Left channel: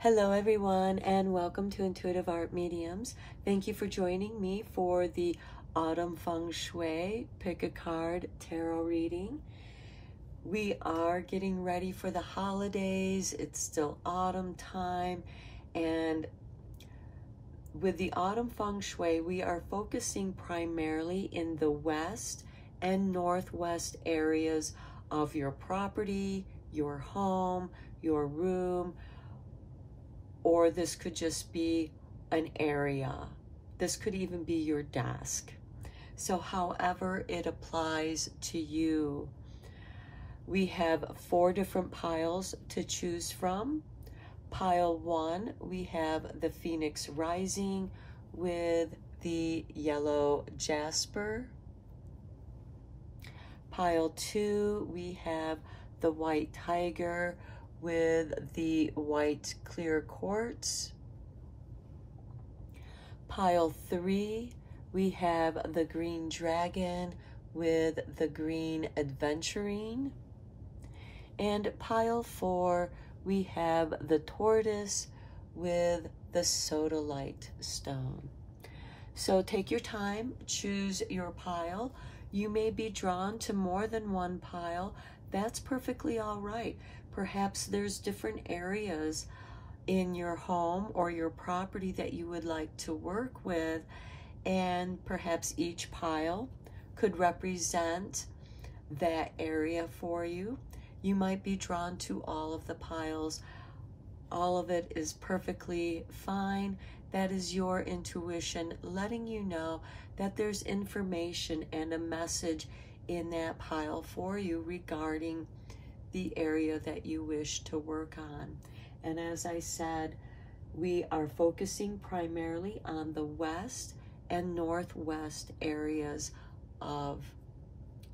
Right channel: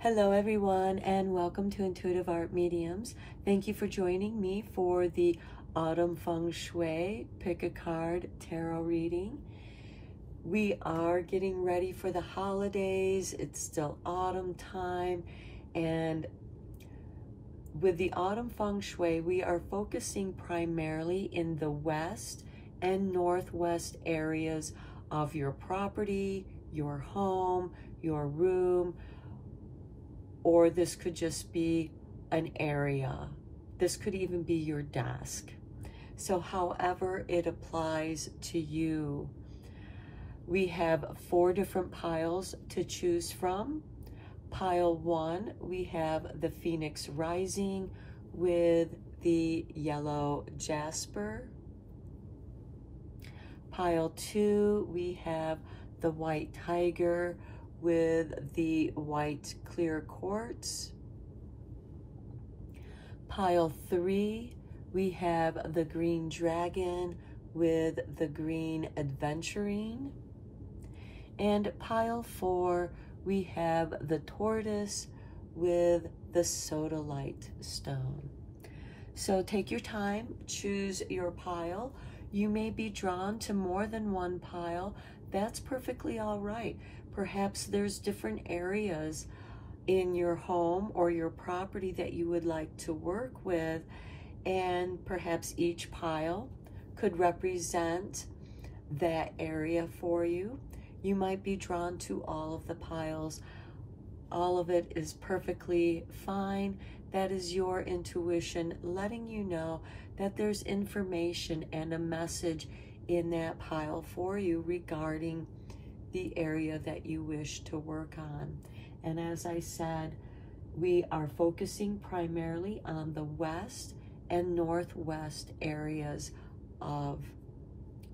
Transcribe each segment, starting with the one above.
Hello everyone, and welcome to Intuitive Art Mediums. Thank you for joining me for the Autumn Feng Shui Pick a Card Tarot reading. We are getting ready for the holidays. It's still autumn time, and with the Autumn Feng Shui, we are focusing primarily in the west and northwest areas of your property, your home, your room, or this could just be an area. This could even be your desk. So however it applies to you. We have 4 different piles to choose from. Pile 1, we have the Phoenix Rising with the yellow jasper. Pile 2, we have the White Tiger with the white clear quartz. Pile 3, we have the Green Dragon with the Green Adventurine. And pile 4, we have the Tortoise with the Sodalite stone. So take your time, choose your pile. You may be drawn to more than one pile. That's perfectly all right. Perhaps there's different areas in your home or your property that you would like to work with, and perhaps each pile could represent that area for you. You might be drawn to all of the piles. All of it is perfectly fine. That is your intuition letting you know that there's information and a message in that pile for you regarding the area that you wish to work on. And as I said, we are focusing primarily on the west and northwest areas of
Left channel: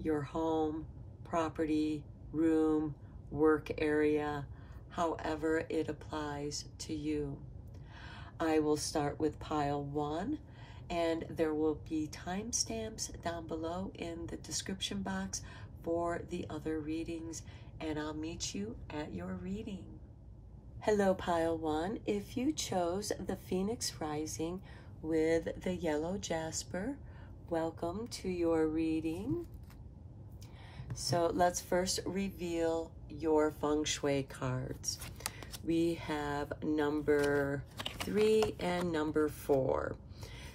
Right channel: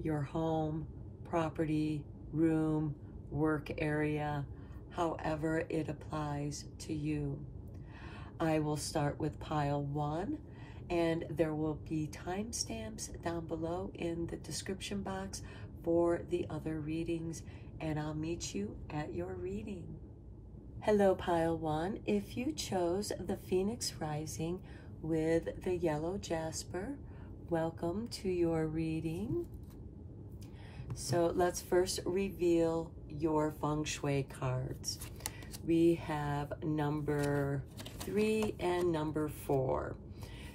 your home, property, room, work area, however it applies to you. I will start with pile 1, and there will be timestamps down below in the description box for the other readings, and I'll meet you at your reading. Hello, pile 1. If you chose the Phoenix Rising with the yellow jasper, welcome to your reading. So let's first reveal your Feng Shui cards. We have number 3 and number 4.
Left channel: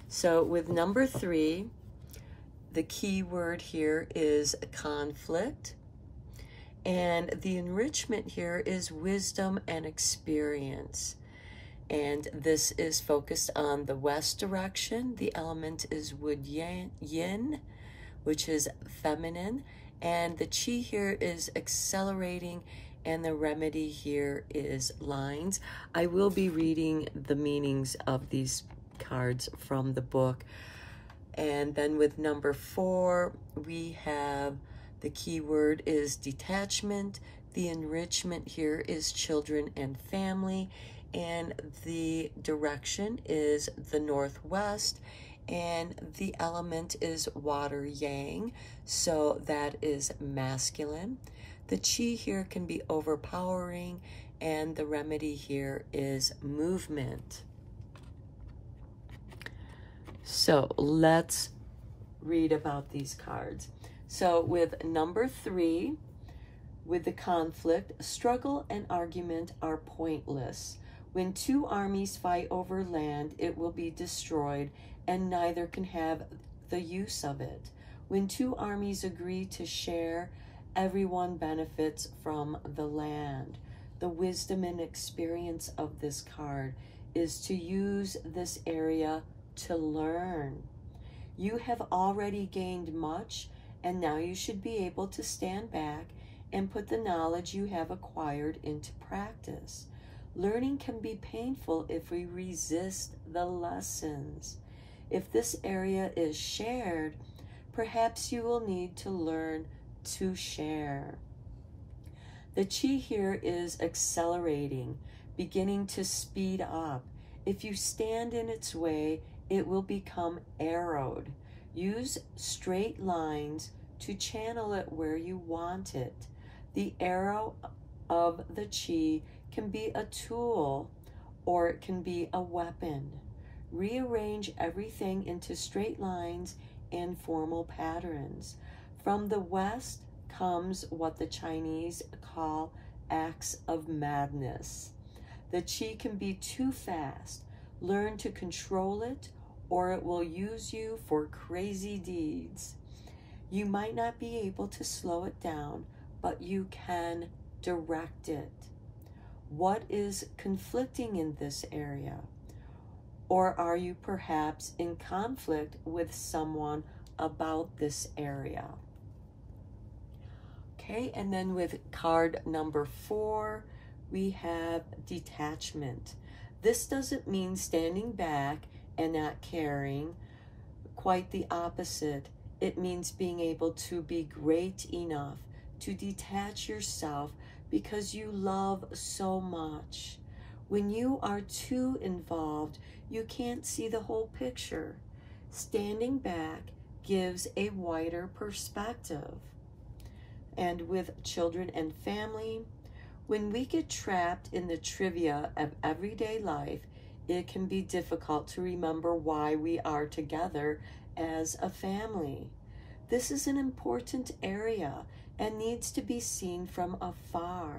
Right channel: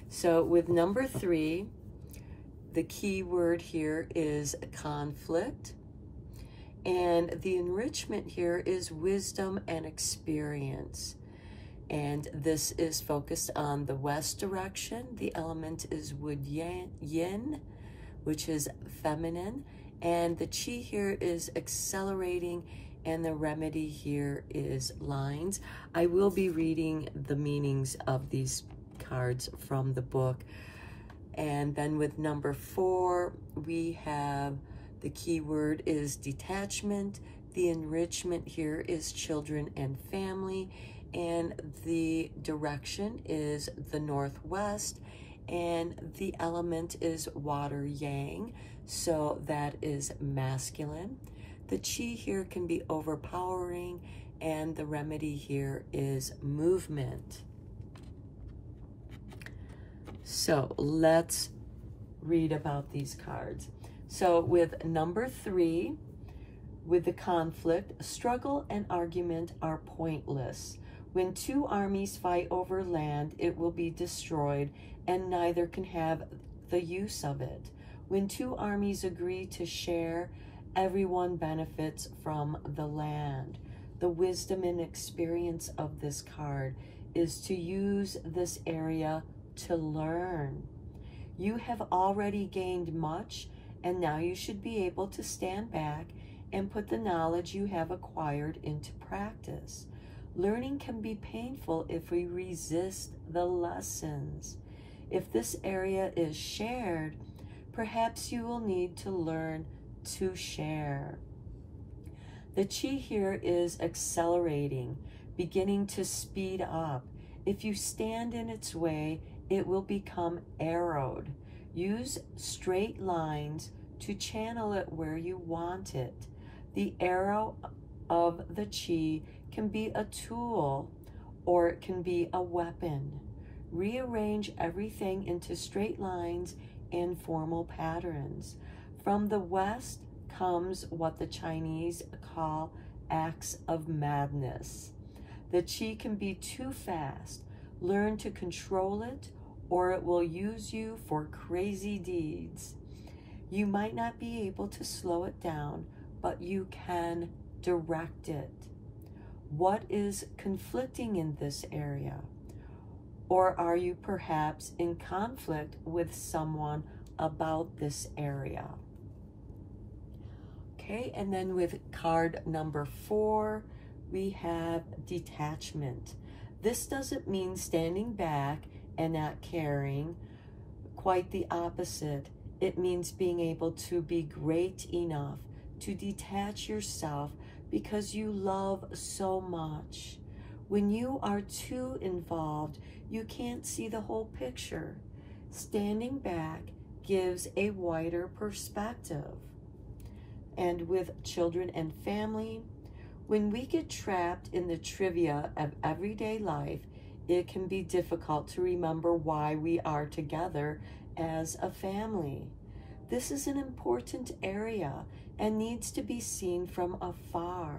So with number 3, the key word here is conflict, and the enrichment here is wisdom and experience. And this is focused on the west direction. The element is wood yin, which is feminine, and the chi here is accelerating, and the remedy here is lines. I will be reading the meanings of these cards from the book. And then with number 4, we have the key word is detachment. The enrichment here is children and family, and the direction is the northwest, and the element is water yang, so that is masculine. The chi here can be overpowering, and the remedy here is movement. So let's read about these cards. So with number 3, with the conflict, struggle and argument are pointless. When 2 armies fight over land, it will be destroyed, and neither can have the use of it. When 2 armies agree to share, everyone benefits from the land. The wisdom and experience of this card is to use this area to learn. You have already gained much, and now you should be able to stand back and put the knowledge you have acquired into practice. Learning can be painful if we resist the lessons. If this area is shared, perhaps you will need to learn to share. The chi here is accelerating, beginning to speed up. If you stand in its way, it will become arrowed. Use straight lines to channel it where you want it. The arrow of the chi can be a tool or it can be a weapon. Rearrange everything into straight lines and formal patterns. From the West comes what the Chinese call acts of madness. The qi can be too fast. Learn to control it, or it will use you for crazy deeds. You might not be able to slow it down, but you can direct it. What is conflicting in this area? Or are you perhaps in conflict with someone about this area? Okay, and then with card number 4, we have detachment. This doesn't mean standing back and not caring. Quite the opposite. It means being able to be great enough to detach yourself because you love so much. When you are too involved, you can't see the whole picture. Standing back gives a wider perspective. And with children and family, when we get trapped in the trivia of everyday life, it can be difficult to remember why we are together as a family. This is an important area and needs to be seen from afar.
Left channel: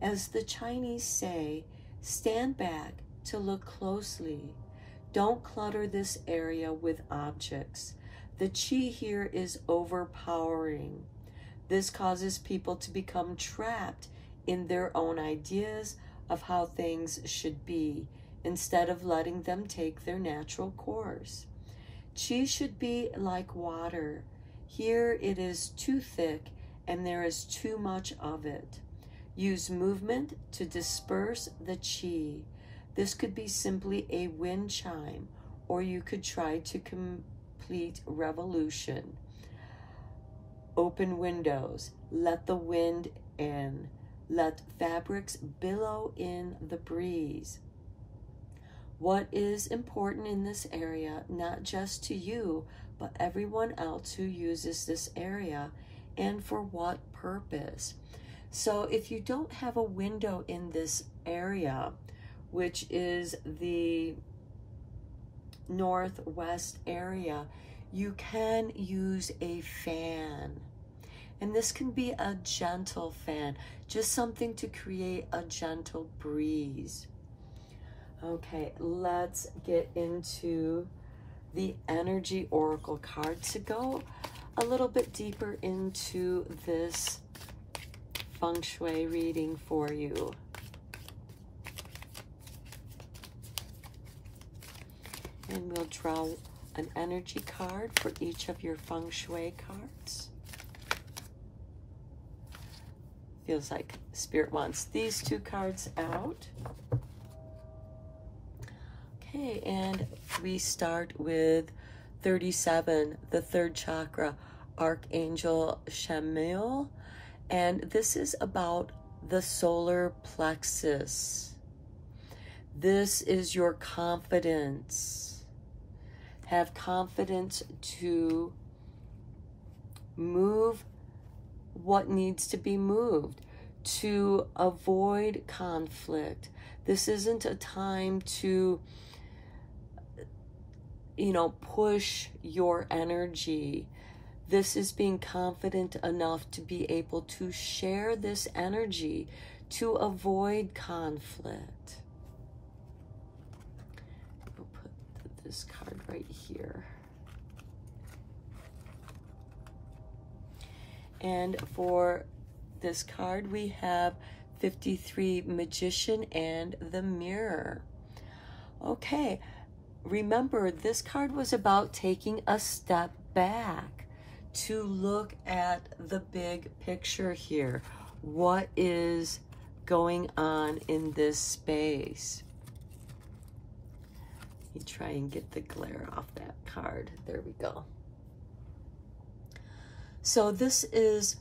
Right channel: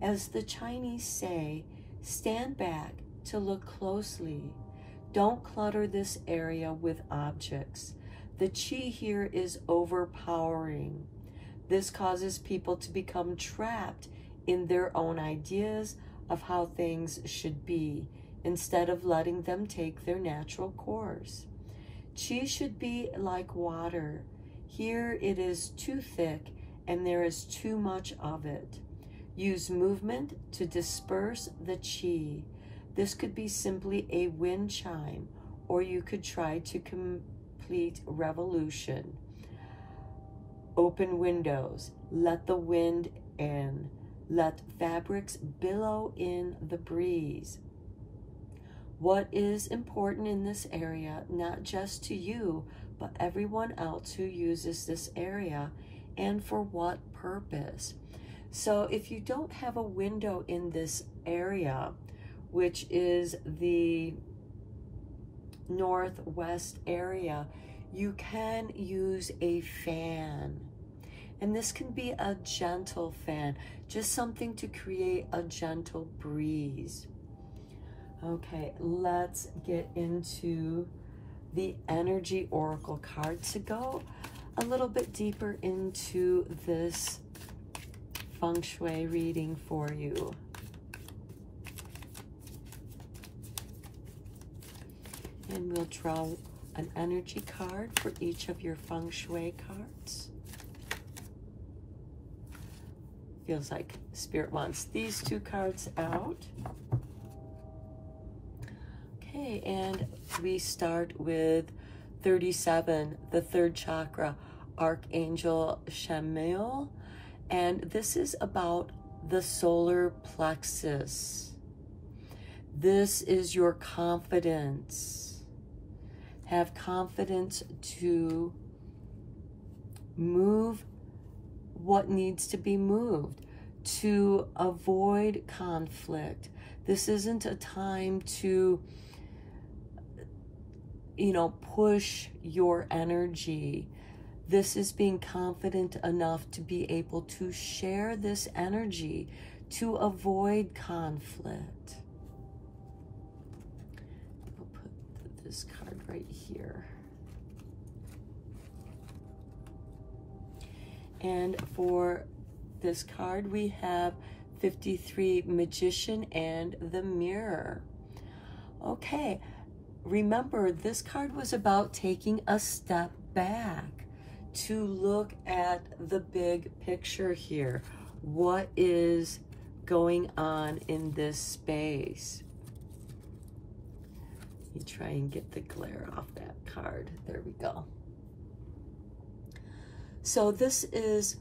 As the Chinese say, stand back to look closely. Don't clutter this area with objects. The qi here is overpowering. This causes people to become trapped in their own ideas of how things should be, instead of letting them take their natural course. Qi should be like water. Here it is too thick and there is too much of it. Use movement to disperse the qi. This could be simply a wind chime, or you could try to complete revolution. Open windows, let the wind in. Let fabrics billow in the breeze. What is important in this area, not just to you, but everyone else who uses this area, and for what purpose? So if you don't have a window in this area, which is the northwest area, you can use a fan. And this can be a gentle fan, just something to create a gentle breeze. Okay, let's get into the energy oracle cards to go a little bit deeper into this Feng Shui reading for you. And we'll draw an energy card for each of your Feng Shui cards. Feels like Spirit wants these 2 cards out. Okay, and we start with 37, the 3rd chakra, Archangel Chamuel. And this is about the solar plexus. This is your confidence. Have confidence to move what needs to be moved, to avoid conflict. This isn't a time to, push your energy. This is being confident enough to be able to share this energy to avoid conflict. I'll put this card right here. And for this card, we have 53, Magician and the Mirror. Okay, remember, this card was about taking a step back to look at the big picture here. What is going on in this space? Let me try and get the glare off that card. There we go. So this is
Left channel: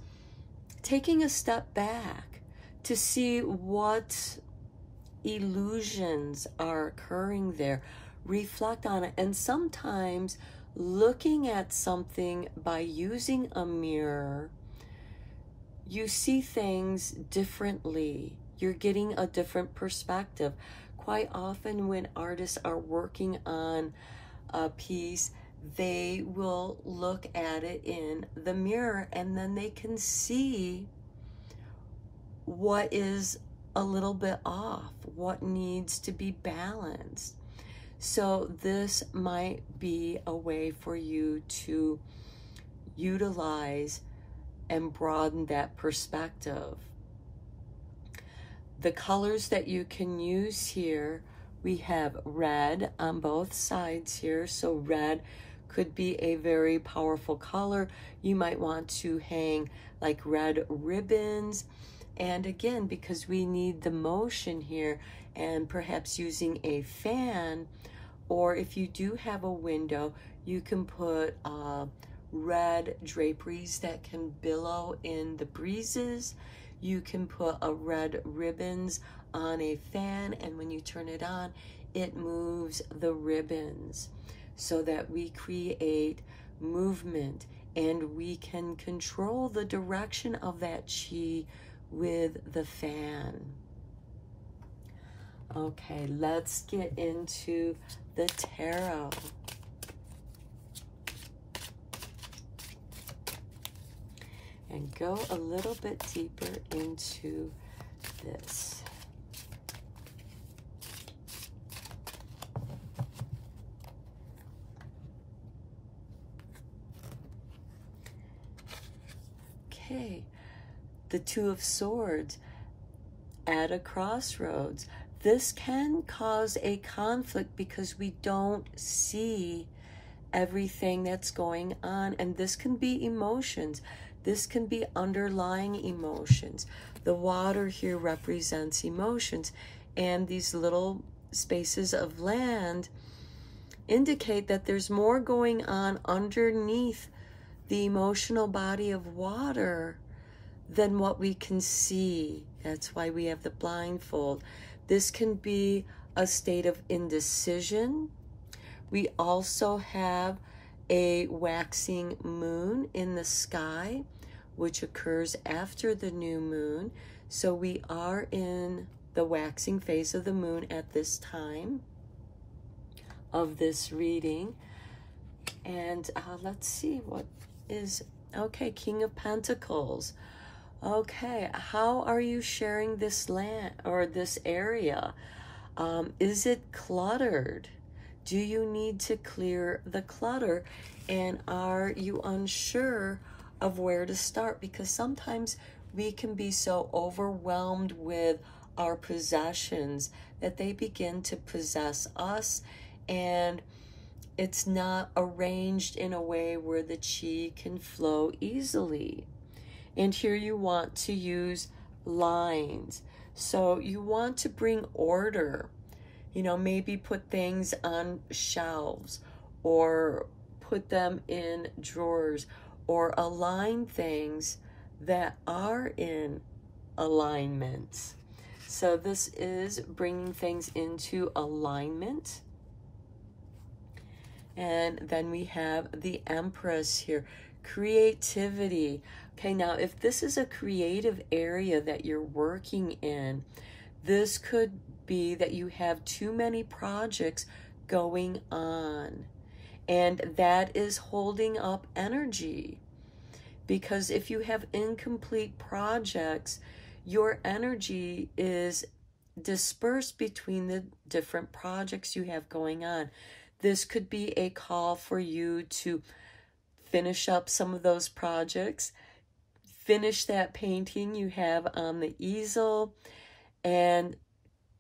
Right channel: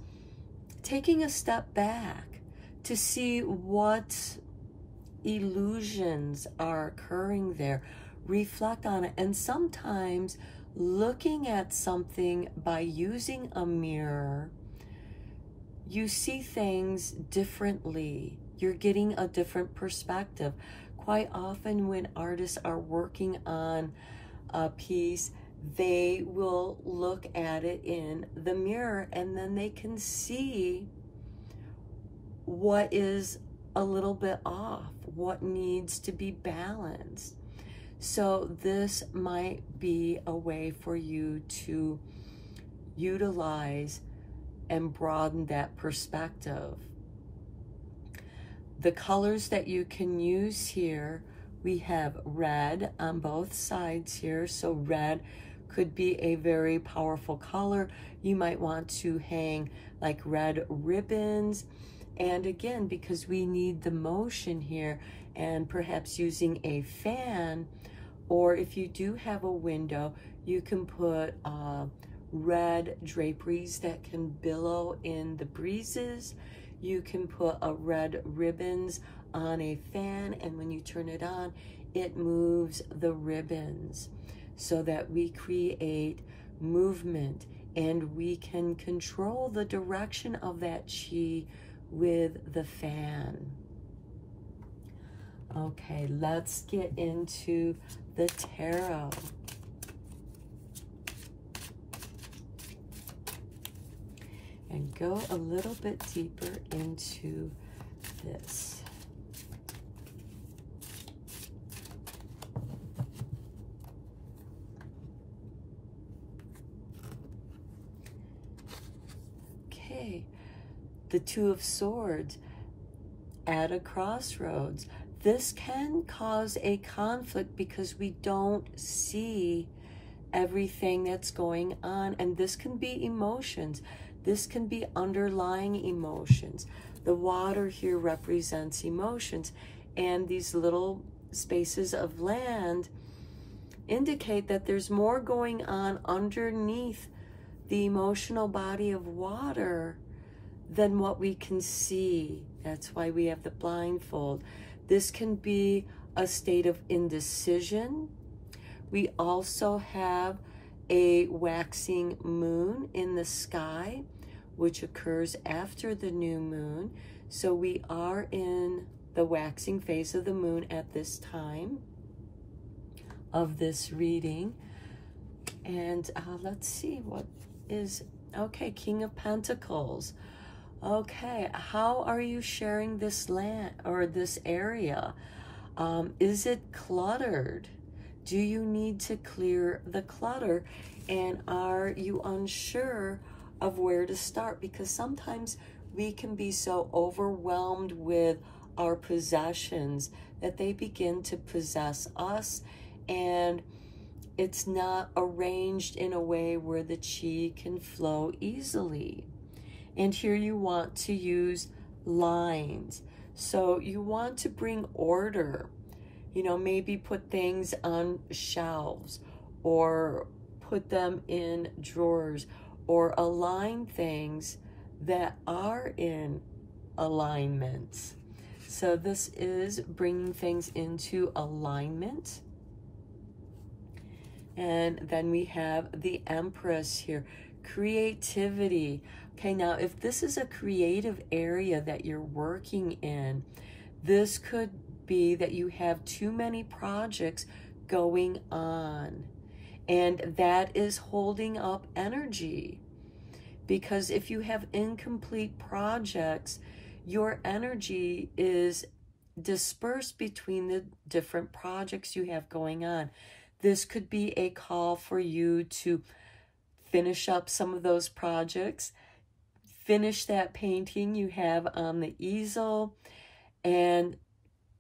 taking a step back to see what illusions are occurring there. Reflect on it. And sometimes looking at something by using a mirror, you see things differently. You're getting a different perspective. quite often when artists are working on a piece, they will look at it in the mirror, and then they can see what is a little bit off, what needs to be balanced. So this might be a way for you to utilize and broaden that perspective. The colors that you can use here, we have red on both sides here. So red could be a very powerful color. You might want to hang like red ribbons. And again, because we need the motion here, and perhaps using a fan, or if you do have a window, you can put red draperies that can billow in the breezes. You can put a red ribbons on a fan, and when you turn it on, it moves the ribbons so that we create movement, and we can control the direction of that chi with the fan. Okay, let's get into the tarot. And go a little bit deeper into this. Okay, the Two of Swords at a crossroads. This can cause a conflict because we don't see everything that's going on, and this can be emotions. This can be underlying emotions. The water here represents emotions, and these little spaces of land indicate that there's more going on underneath the emotional body of water than what we can see. That's why we have the blindfold. This can be a state of indecision. We also have a waxing moon in the sky, which occurs after the new moon. So we are in the waxing phase of the moon at this time of this reading. And let's see what is, okay, King of Pentacles. Okay, how are you sharing this land or this area? Is it cluttered? Do you need to clear the clutter? And are you unsure of where to start? Because sometimes we can be so overwhelmed with our possessions that they begin to possess us, and it's not arranged in a way where the chi can flow easily. And here you want to use lines. So you want to bring order. You know, maybe put things on shelves, or put them in drawers, or align things that are in alignment. So this is bringing things into alignment. And then we have the Empress here, creativity. Okay, now if this is a creative area that you're working in, this could be that you have too many projects going on, and that is holding up energy. Because if you have incomplete projects, your energy is dispersed between the different projects you have going on. This could be a call for you to finish up some of those projects, finish that painting you have on the easel, and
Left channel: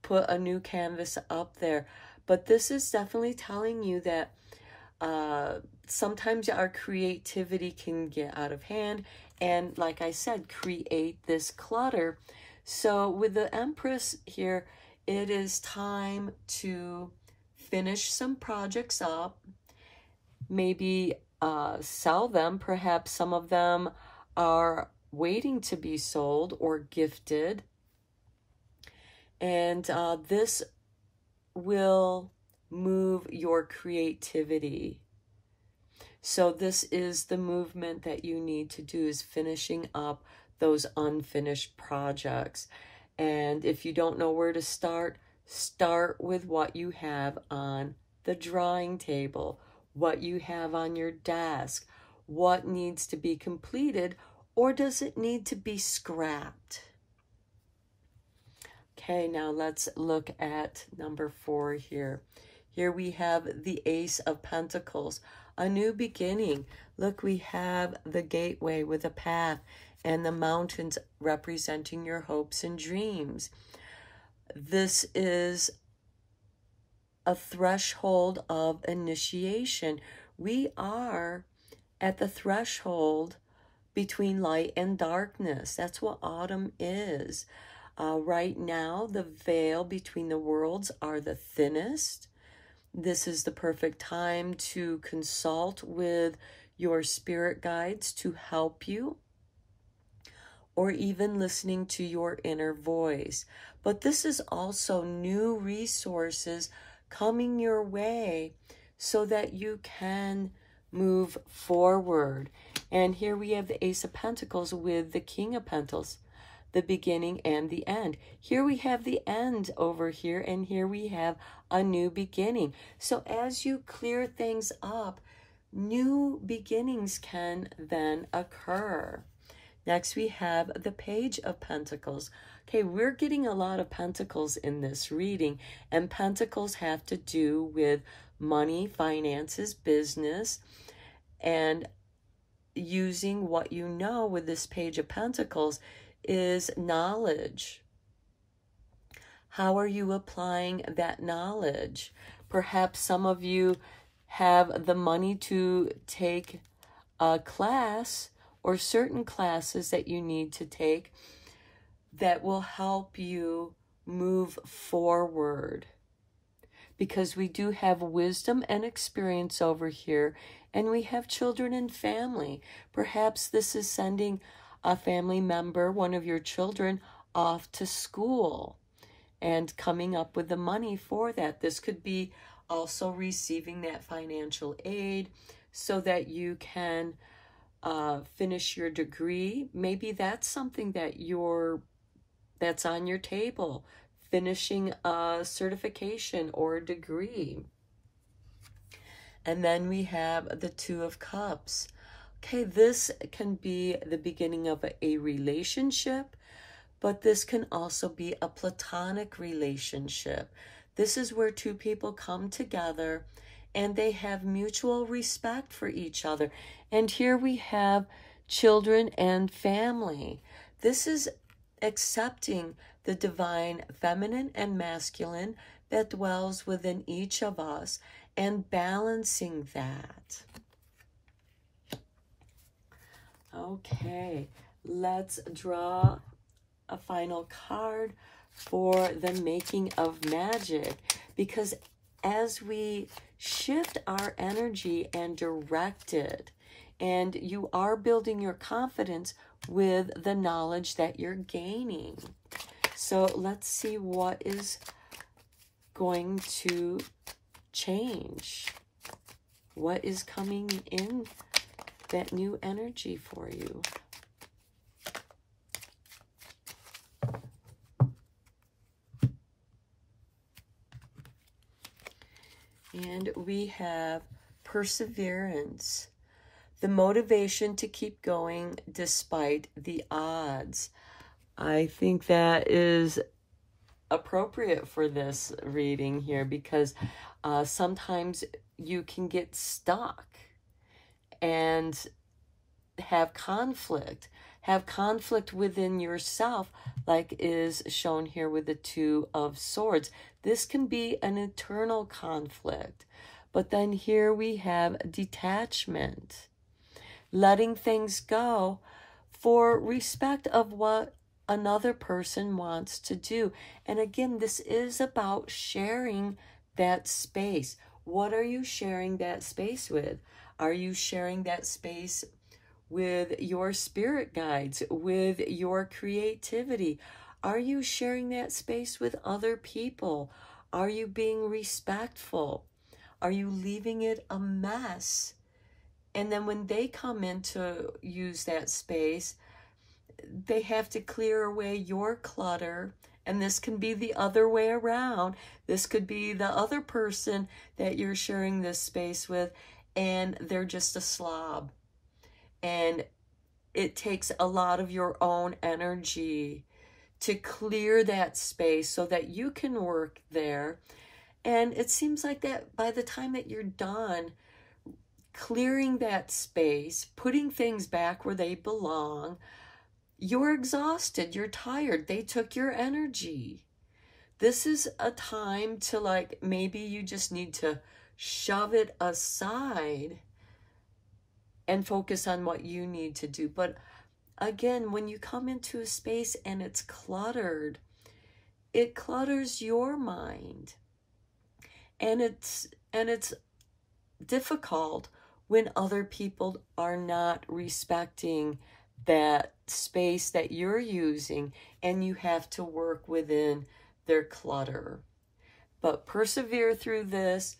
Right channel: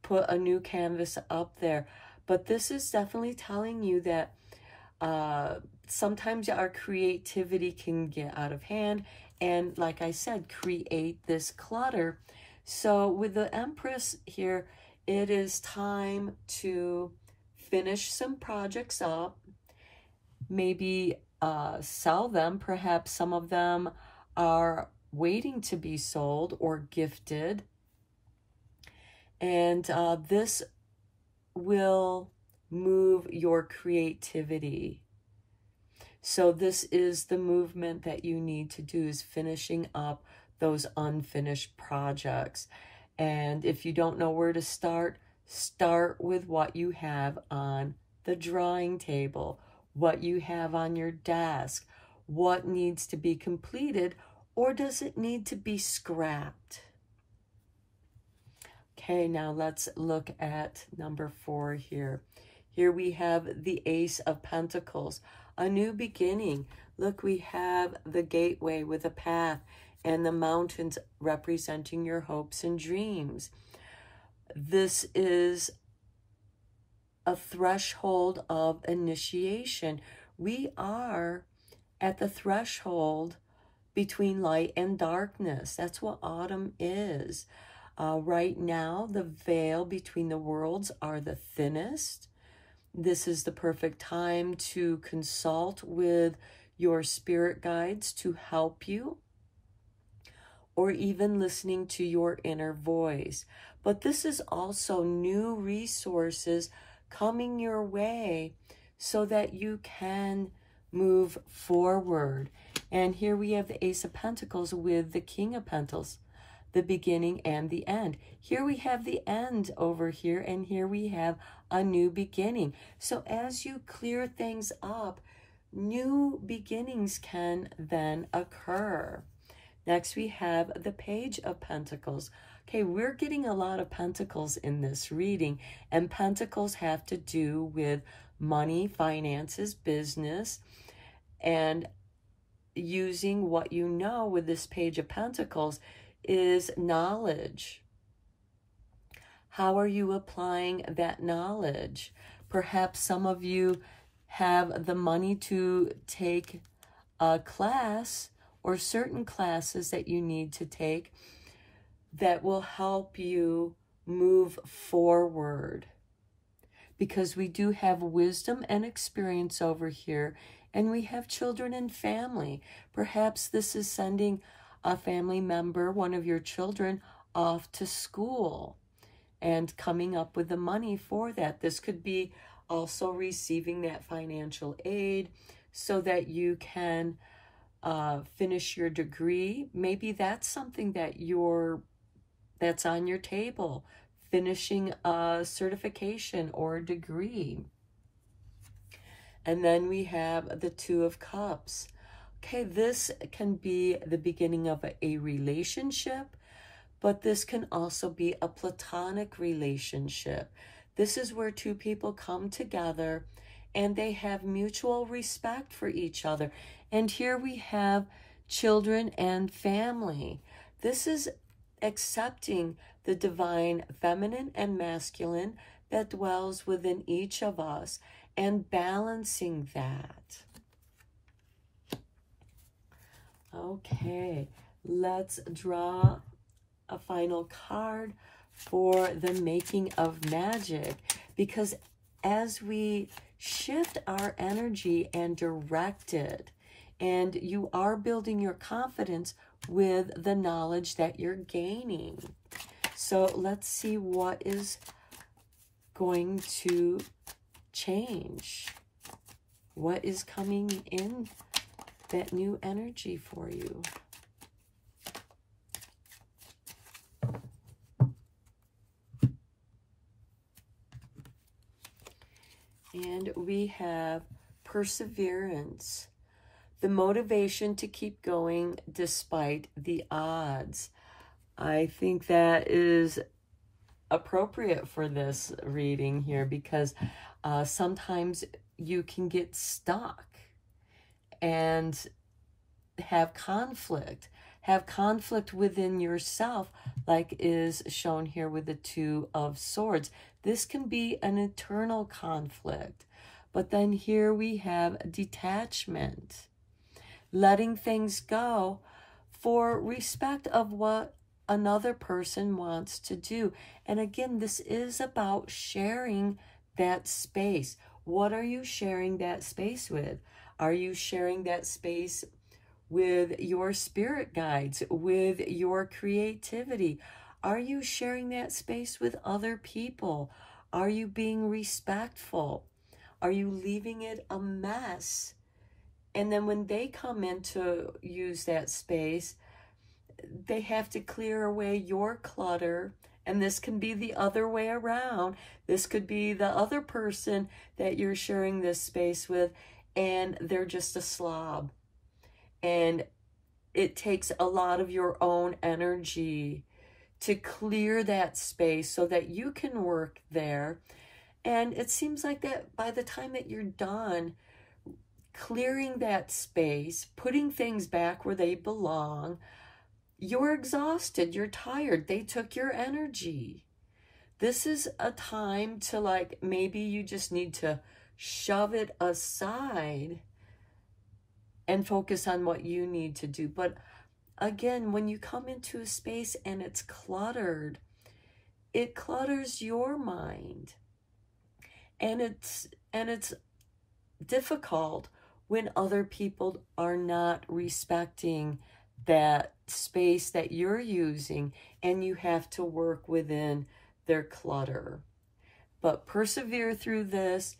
put a new canvas up there. But this is definitely telling you that sometimes our creativity can get out of hand, and like I said, create this clutter. So with the Empress here, it is time to finish some projects up, maybe sell them. Perhaps some of them are waiting to be sold or gifted. And this will move your creativity. So this is the movement that you need to do, is finishing up those unfinished projects. And if you don't know where to start, Start with what you have on the drawing table, what you have on your desk, what needs to be completed, or does it need to be scrapped? Okay, now let's look at number 4 here. Here we have the Ace of Pentacles, a new beginning. Look, we have the gateway with a path and the mountains representing your hopes and dreams. This is a threshold of initiation. We are at the threshold between light and darkness. That's what autumn is. Right now, the veil between the worlds are the thinnest. This is the perfect time to consult with your spirit guides to help you, or even listening to your inner voice. But this is also new resources coming your way so that you can move forward. And here we have the Ace of Pentacles with the King of Pentacles, the beginning and the end. Here we have the end over here, and here we have a new beginning. So as you clear things up, new beginnings can then occur. Next, we have the Page of Pentacles. Okay, we're getting a lot of pentacles in this reading, and pentacles have to do with money, finances, business, and using what you know with this Page of Pentacles is knowledge. How are you applying that knowledge? Perhaps some of you have the money to take a class or certain classes that you need to take that will help you move forward. Because we do have wisdom and experience over here, and we have children and family. Perhaps this is sending a family member, one of your children, off to school and coming up with the money for that. This could be also receiving that financial aid so that you can finish your degree. Maybe that's something that that's on your table, finishing a certification or a degree. And then we have the Two of Cups. Okay, this can be the beginning of a relationship, but this can also be a platonic relationship. This is where two people come together and they have mutual respect for each other. And here we have children and family. This is accepting the divine feminine and masculine that dwells within each of us and balancing that. Okay, let's draw a final card for the making of magic, because as we shift our energy and direct it, and you are building your confidence with the knowledge that you're gaining. So let's see what is going to change. What is coming in that new energy for you? And we have perseverance, the motivation to keep going despite the odds. I think that is appropriate for this reading here, because sometimes you can get stuck and have conflict within yourself, like is shown here with the Two of Swords. This can be an internal conflict. But then here we have detachment, letting things go for respect of what another person wants to do. And again, this is about sharing that space. What are you sharing that space with? Are you sharing that space with your spirit guides, with your creativity? Are you sharing that space with other people? Are you being respectful? Are you leaving it a mess? And then when they come in to use that space, they have to clear away your clutter And this can be the other way around. This could be the other person that you're sharing this space with, and they're just a slob. And it takes a lot of your own energy to clear that space so that you can work there. And it seems like that by the time that you're done clearing that space, putting things back where they belong, you're exhausted, you're tired, they took your energy. This is a time to, like, maybe you just need to shove it aside and focus on what you need to do. But again, when you come into a space and it's cluttered, it clutters your mind. And it's difficult when other people are not respecting that space that you're using, and you have to work within their clutter. But persevere through this.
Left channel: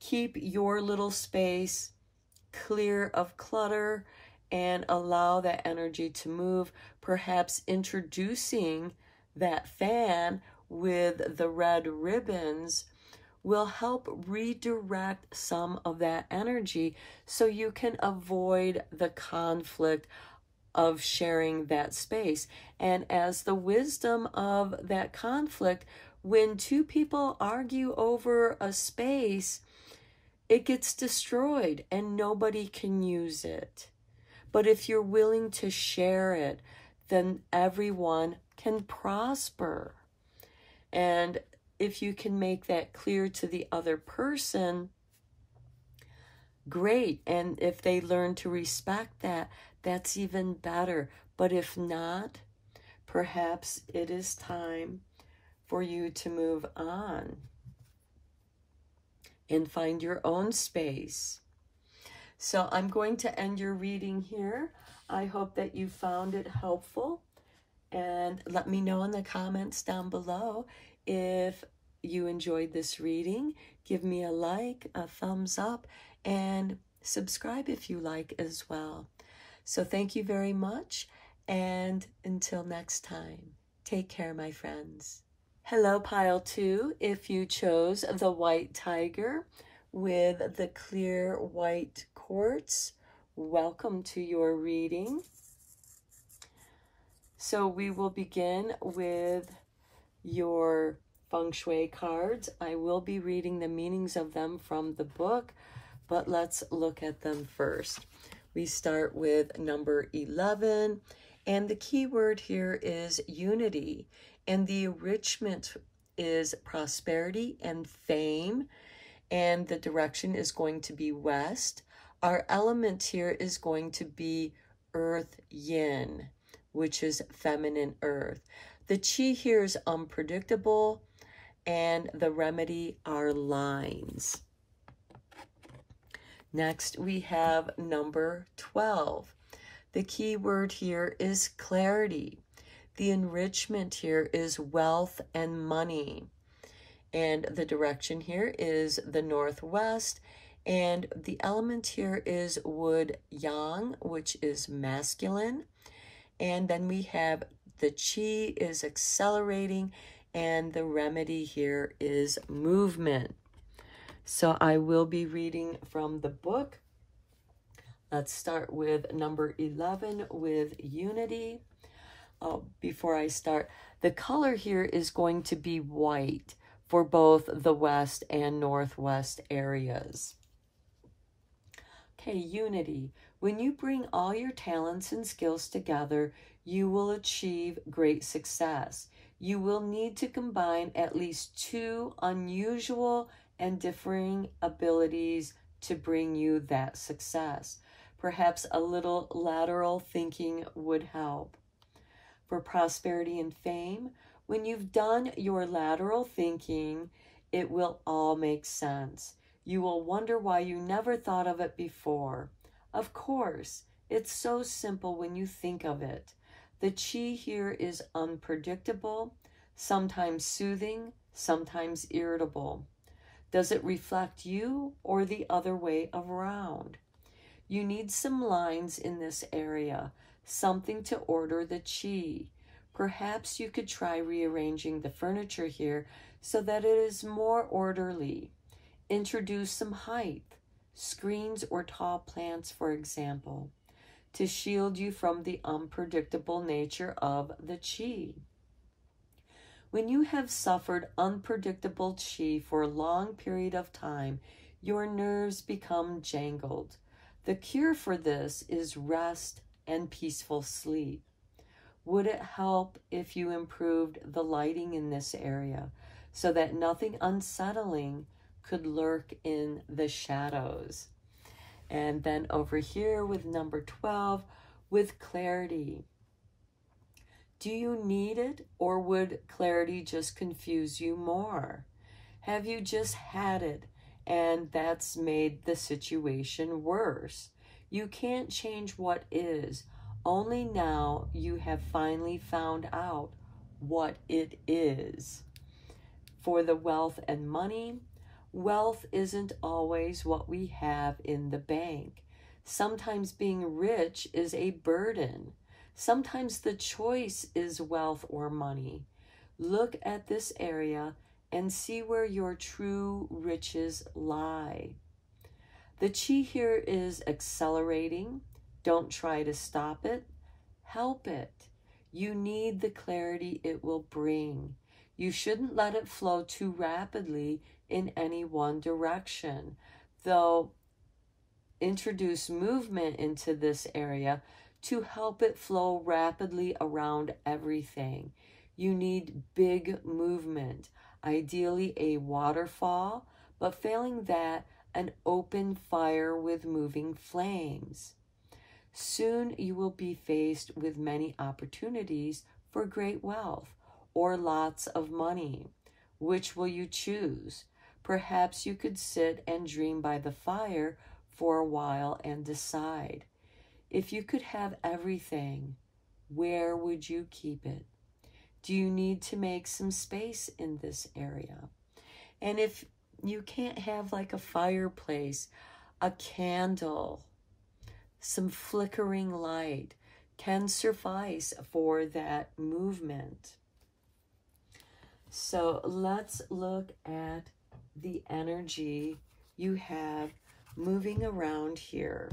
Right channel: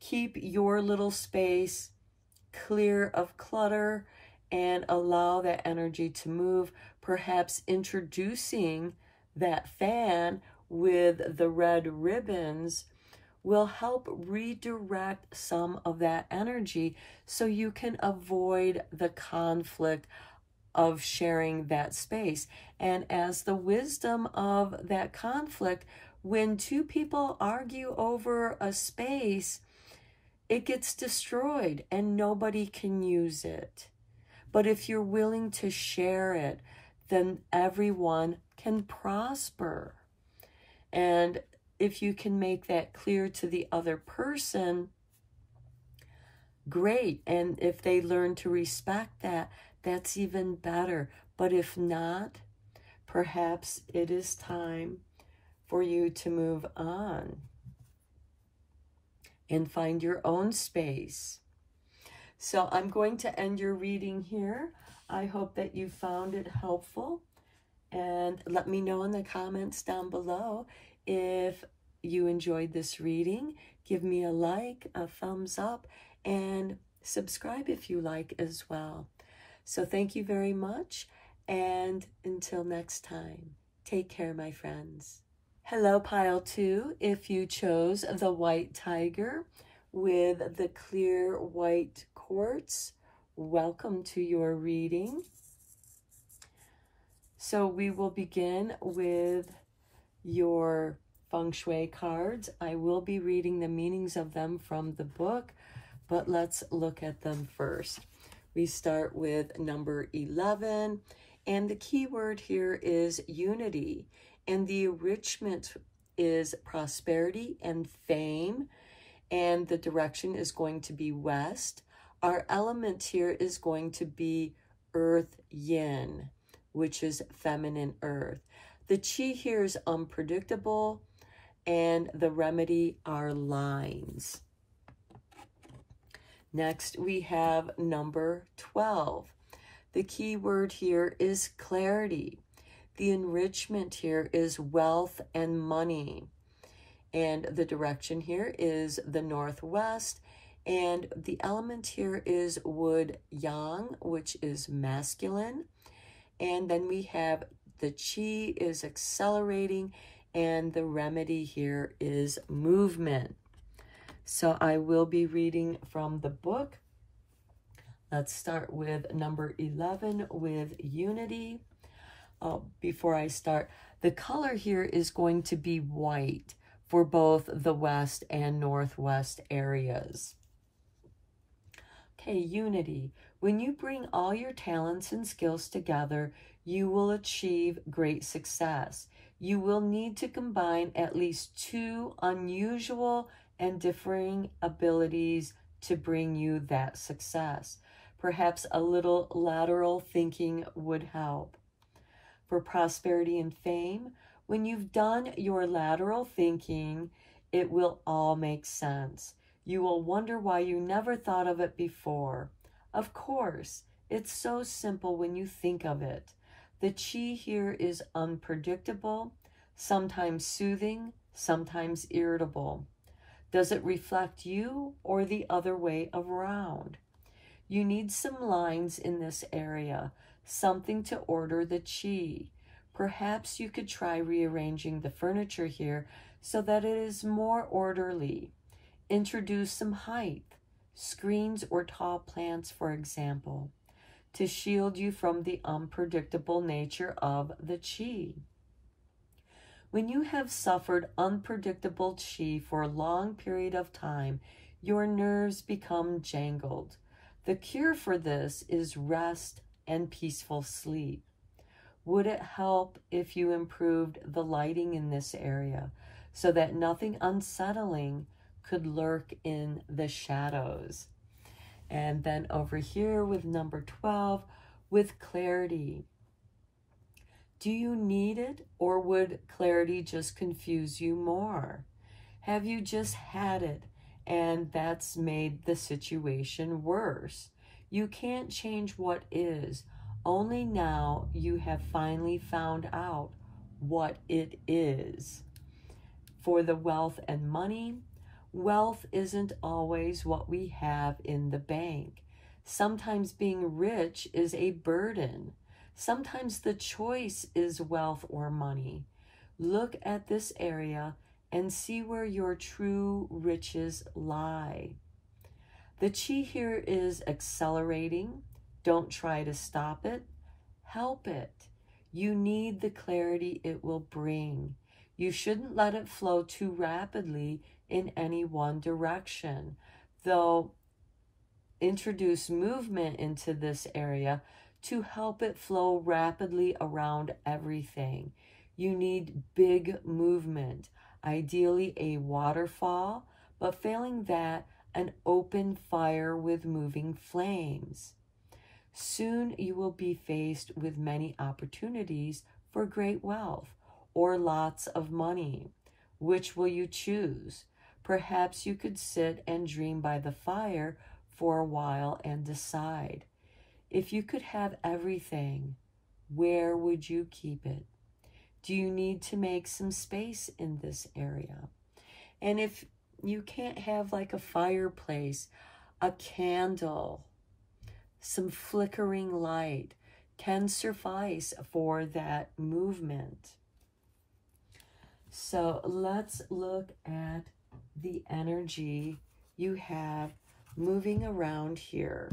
Keep your little space clear of clutter and allow that energy to move. Perhaps introducing that fan with the red ribbons will help redirect some of that energy so you can avoid the conflict of sharing that space. And as the wisdom of that conflict, when two people argue over a space, it gets destroyed and nobody can use it. But if you're willing to share it, then everyone can prosper. And if you can make that clear to the other person, great. And if they learn to respect that, that's even better. But if not, perhaps it is time for you to move on and find your own space. So I'm going to end your reading here. I hope that you found it helpful. And let me know in the comments down below if you enjoyed this reading. Give me a like, a thumbs up, and subscribe if you like as well. So thank you very much, and until next time, take care, my friends. Hello, Pile 2. If you chose the white tiger with the clear white quartz, welcome to your reading. So we will begin with your Feng Shui cards. I will be reading the meanings of them from the book, but let's look at them first. We start with number 11, and the key word here is unity, and the enrichment is prosperity and fame, and the direction is going to be west. Our element here is going to be earth yin, which is feminine earth. The chi here is unpredictable, and the remedy are lines. Next, we have number 12. The key word here is clarity. The enrichment here is wealth and money. And the direction here is the northwest. And the element here is wood yang, which is masculine. And then we have the chi is accelerating, and the remedy here is movement. So I will be reading from the book. Let's start with number 11 with unity. Before I start, the color here is going to be white for both the west and northwest areas. Okay, unity. When you bring all your talents and skills together, you will achieve great success. You will need to combine at least 2 unusual and differing abilities to bring you that success. Perhaps a little lateral thinking would help. For prosperity and fame, when you've done your lateral thinking, it will all make sense. You will wonder why you never thought of it before. Of course, it's so simple when you think of it. The chi here is unpredictable, sometimes soothing, sometimes irritable. Does it reflect you or the other way around? You need some lines in this area, something to order the chi. Perhaps you could try rearranging the furniture here so that it is more orderly. Introduce some height, screens or tall plants, for example, to shield you from the unpredictable nature of the qi. When you have suffered unpredictable qi for a long period of time, your nerves become jangled. The cure for this is rest and peaceful sleep. Would it help if you improved the lighting in this area so that nothing unsettling could lurk in the shadows? And then over here with number 12, with clarity. Do you need it, or would clarity just confuse you more? Have you just had it and that's made the situation worse? You can't change what is. Only now you have finally found out what it is. For the wealth and money, wealth isn't always what we have in the bank. Sometimes being rich is a burden. Sometimes the choice is wealth or money. Look at this area and see where your true riches lie. The qi here is accelerating. Don't try to stop it. Help it. You need the clarity it will bring. You shouldn't let it flow too rapidly in any one direction, though introduce movement into this area to help it flow rapidly around everything. You need big movement, ideally a waterfall, but failing that, an open fire with moving flames. Soon you will be faced with many opportunities for great wealth or lots of money. Which will you choose? Perhaps you could sit and dream by the fire for a while and decide. If you could have everything, where would you keep it? Do you need to make some space in this area? And if you can't have like a fireplace, a candle, some flickering light can suffice for that movement. So let's look at the energy you have moving around here.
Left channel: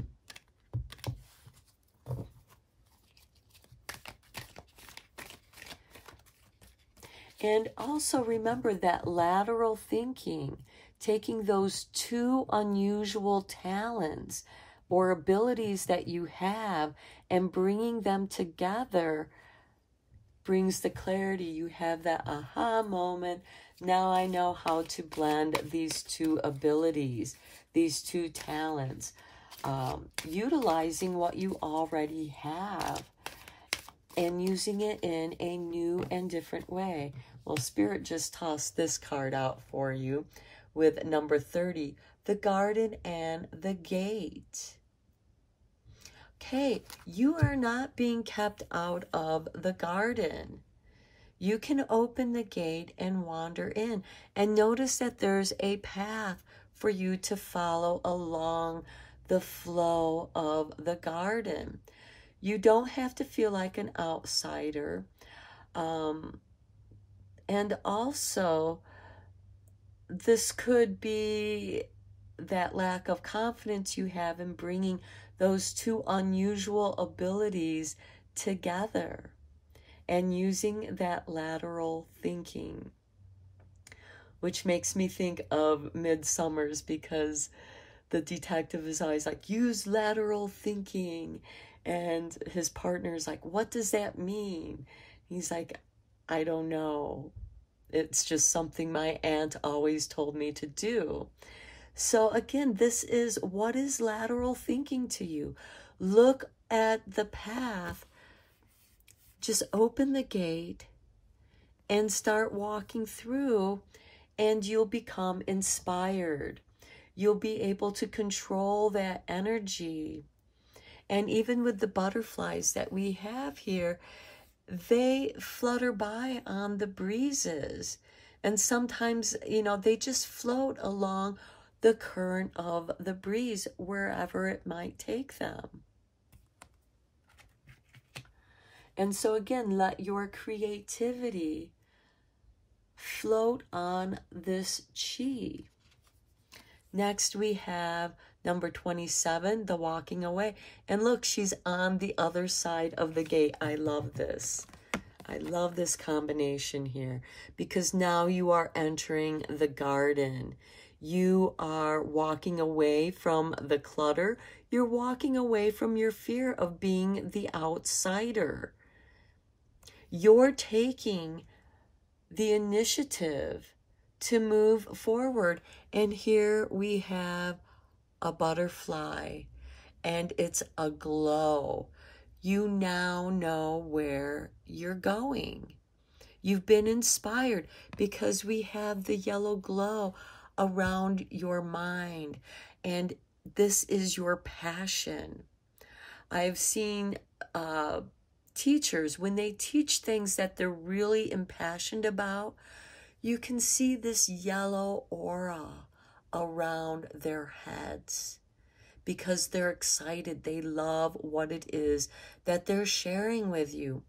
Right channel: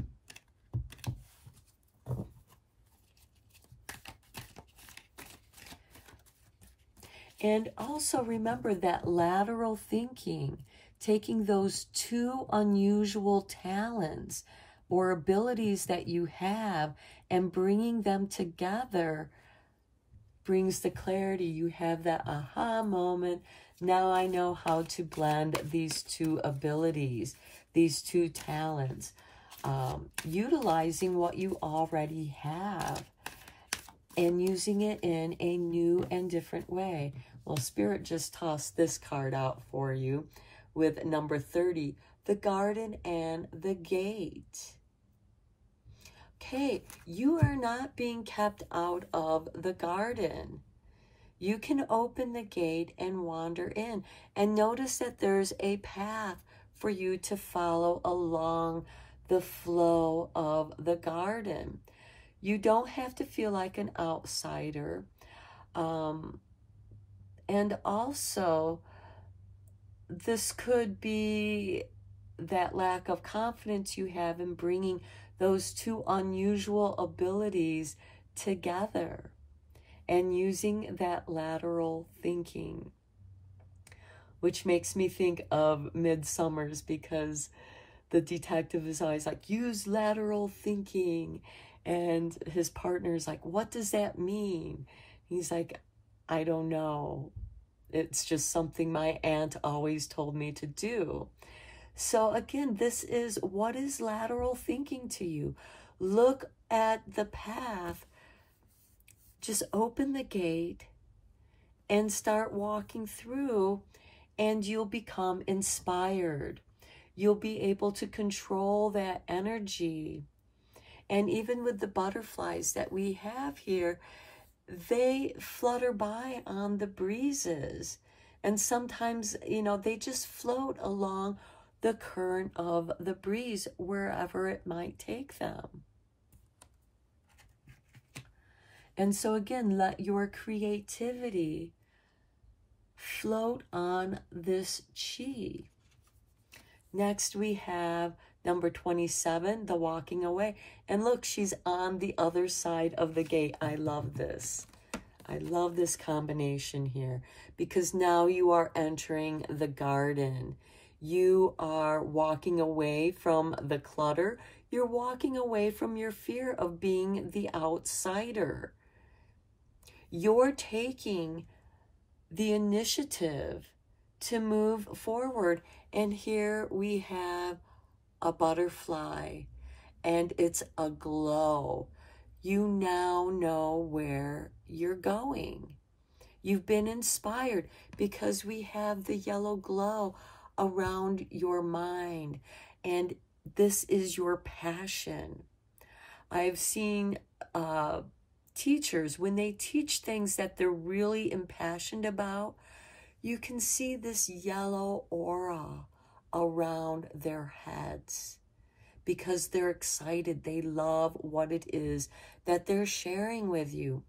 And also remember that lateral thinking, taking those two unusual talents or abilities that you have and bringing them together brings the clarity. You have that aha moment. Now I know how to blend these two abilities, these two talents, utilizing what you already have and using it in a new and different way. Well, Spirit just tossed this card out for you with number 30, the garden and the gate. Okay, you are not being kept out of the garden. You can open the gate and wander in, and notice that there's a path for you to follow along the flow of the garden. You don't have to feel like an outsider. And also, this could be that lack of confidence you have in bringing those two unusual abilities together and using that lateral thinking, which makes me think of Midsummer's, because the detective is always like, use lateral thinking. And his partner's like, what does that mean? He's like, I don't know. It's just something my aunt always told me to do. So again, this is, what is lateral thinking to you? Look at the path. Just open the gate and start walking through, and you'll become inspired. You'll be able to control that energy. And even with the butterflies that we have here, they flutter by on the breezes. And sometimes, you know, they just float along the current of the breeze wherever it might take them. And so again, let your creativity float on this chi. Next, we have number 27, the walking away. And look, she's on the other side of the gate. I love this. I love this combination here, because now you are entering the garden. You are walking away from the clutter. You're walking away from your fear of being the outsider. You're taking the initiative to move forward. And here we have a butterfly, and it's aglow. You now know where you're going. You've been inspired because we have the yellow glow around your mind, and this is your passion. I've seen teachers, when they teach things that they're really impassioned about, you can see this yellow aura around their heads because they're excited. They love what it is that they're sharing with you.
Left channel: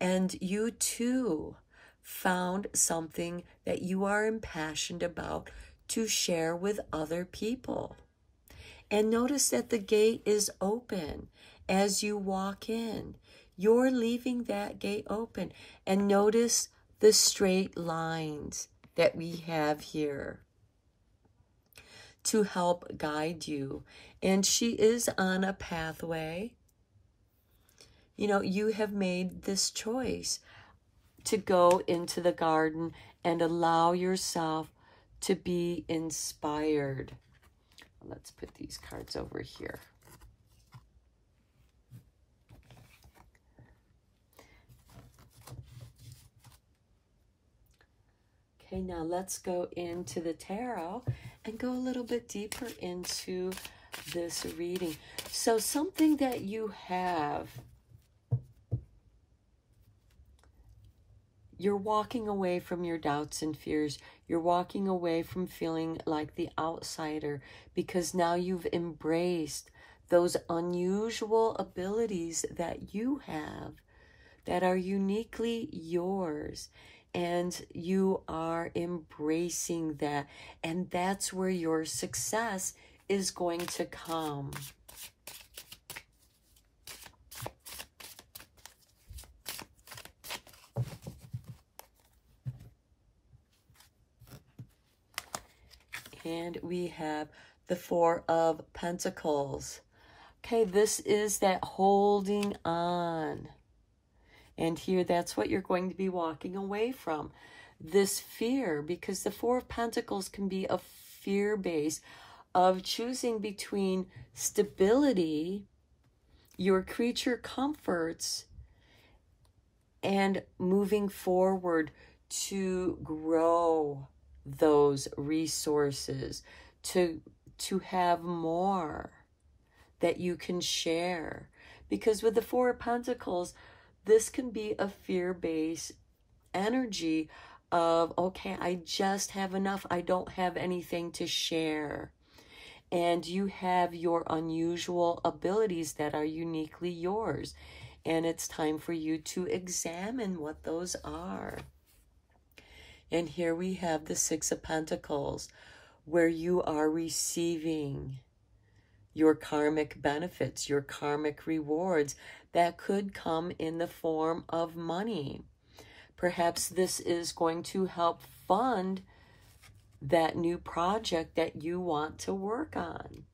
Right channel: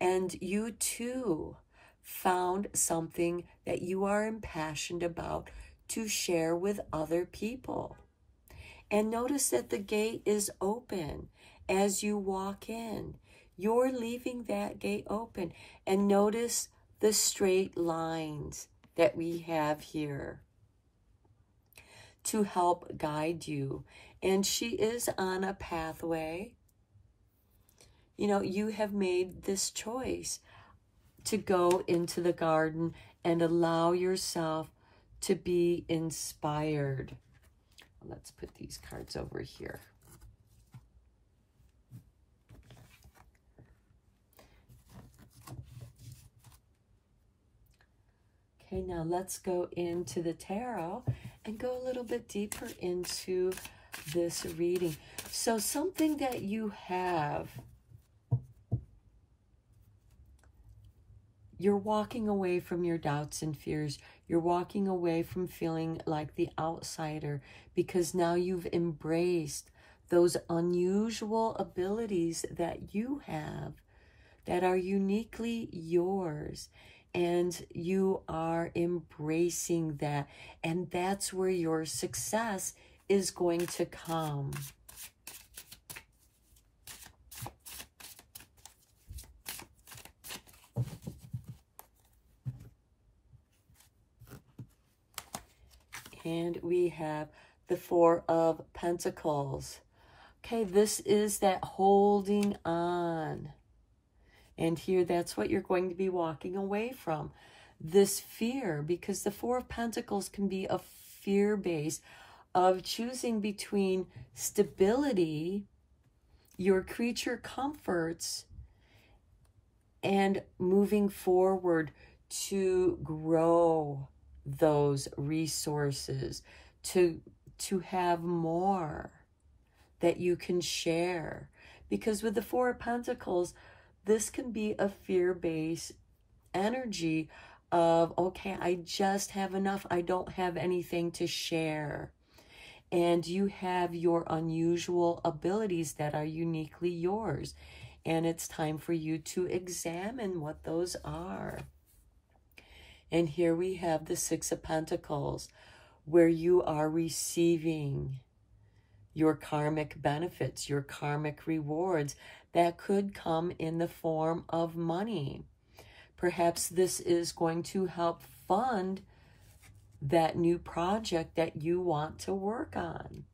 And you too found something that you are impassioned about to share with other people. And notice that the gate is open as you walk in. You're leaving that gate open. And notice the straight lines that we have here to help guide you. And she is on a pathway. You know, you have made this choice to go into the garden and allow yourself to be inspired. Let's put these cards over here. Okay, now let's go into the tarot and go a little bit deeper into this reading. So something that you have, you're walking away from your doubts and fears. You're walking away from feeling like the outsider because now you've embraced those unusual abilities that you have that are uniquely yours. And you are embracing that. And that's where your success is going to come. And we have the Four of Pentacles. Okay, this is that holding on. And here, that's what you're going to be walking away from. This fear, because the Four of Pentacles can be a fear base of choosing between stability, your creature comforts, and moving forward to grow those resources, to have more that you can share. Because with the Four of Pentacles, this can be a fear-based energy of, okay, I just have enough. I don't have anything to share. And you have your unusual abilities that are uniquely yours. And it's time for you to examine what those are. And here we have the Six of Pentacles, where you are receiving your karmic benefits, your karmic rewards that could come in the form of money. Perhaps this is going to help fund that new project that you want to work on.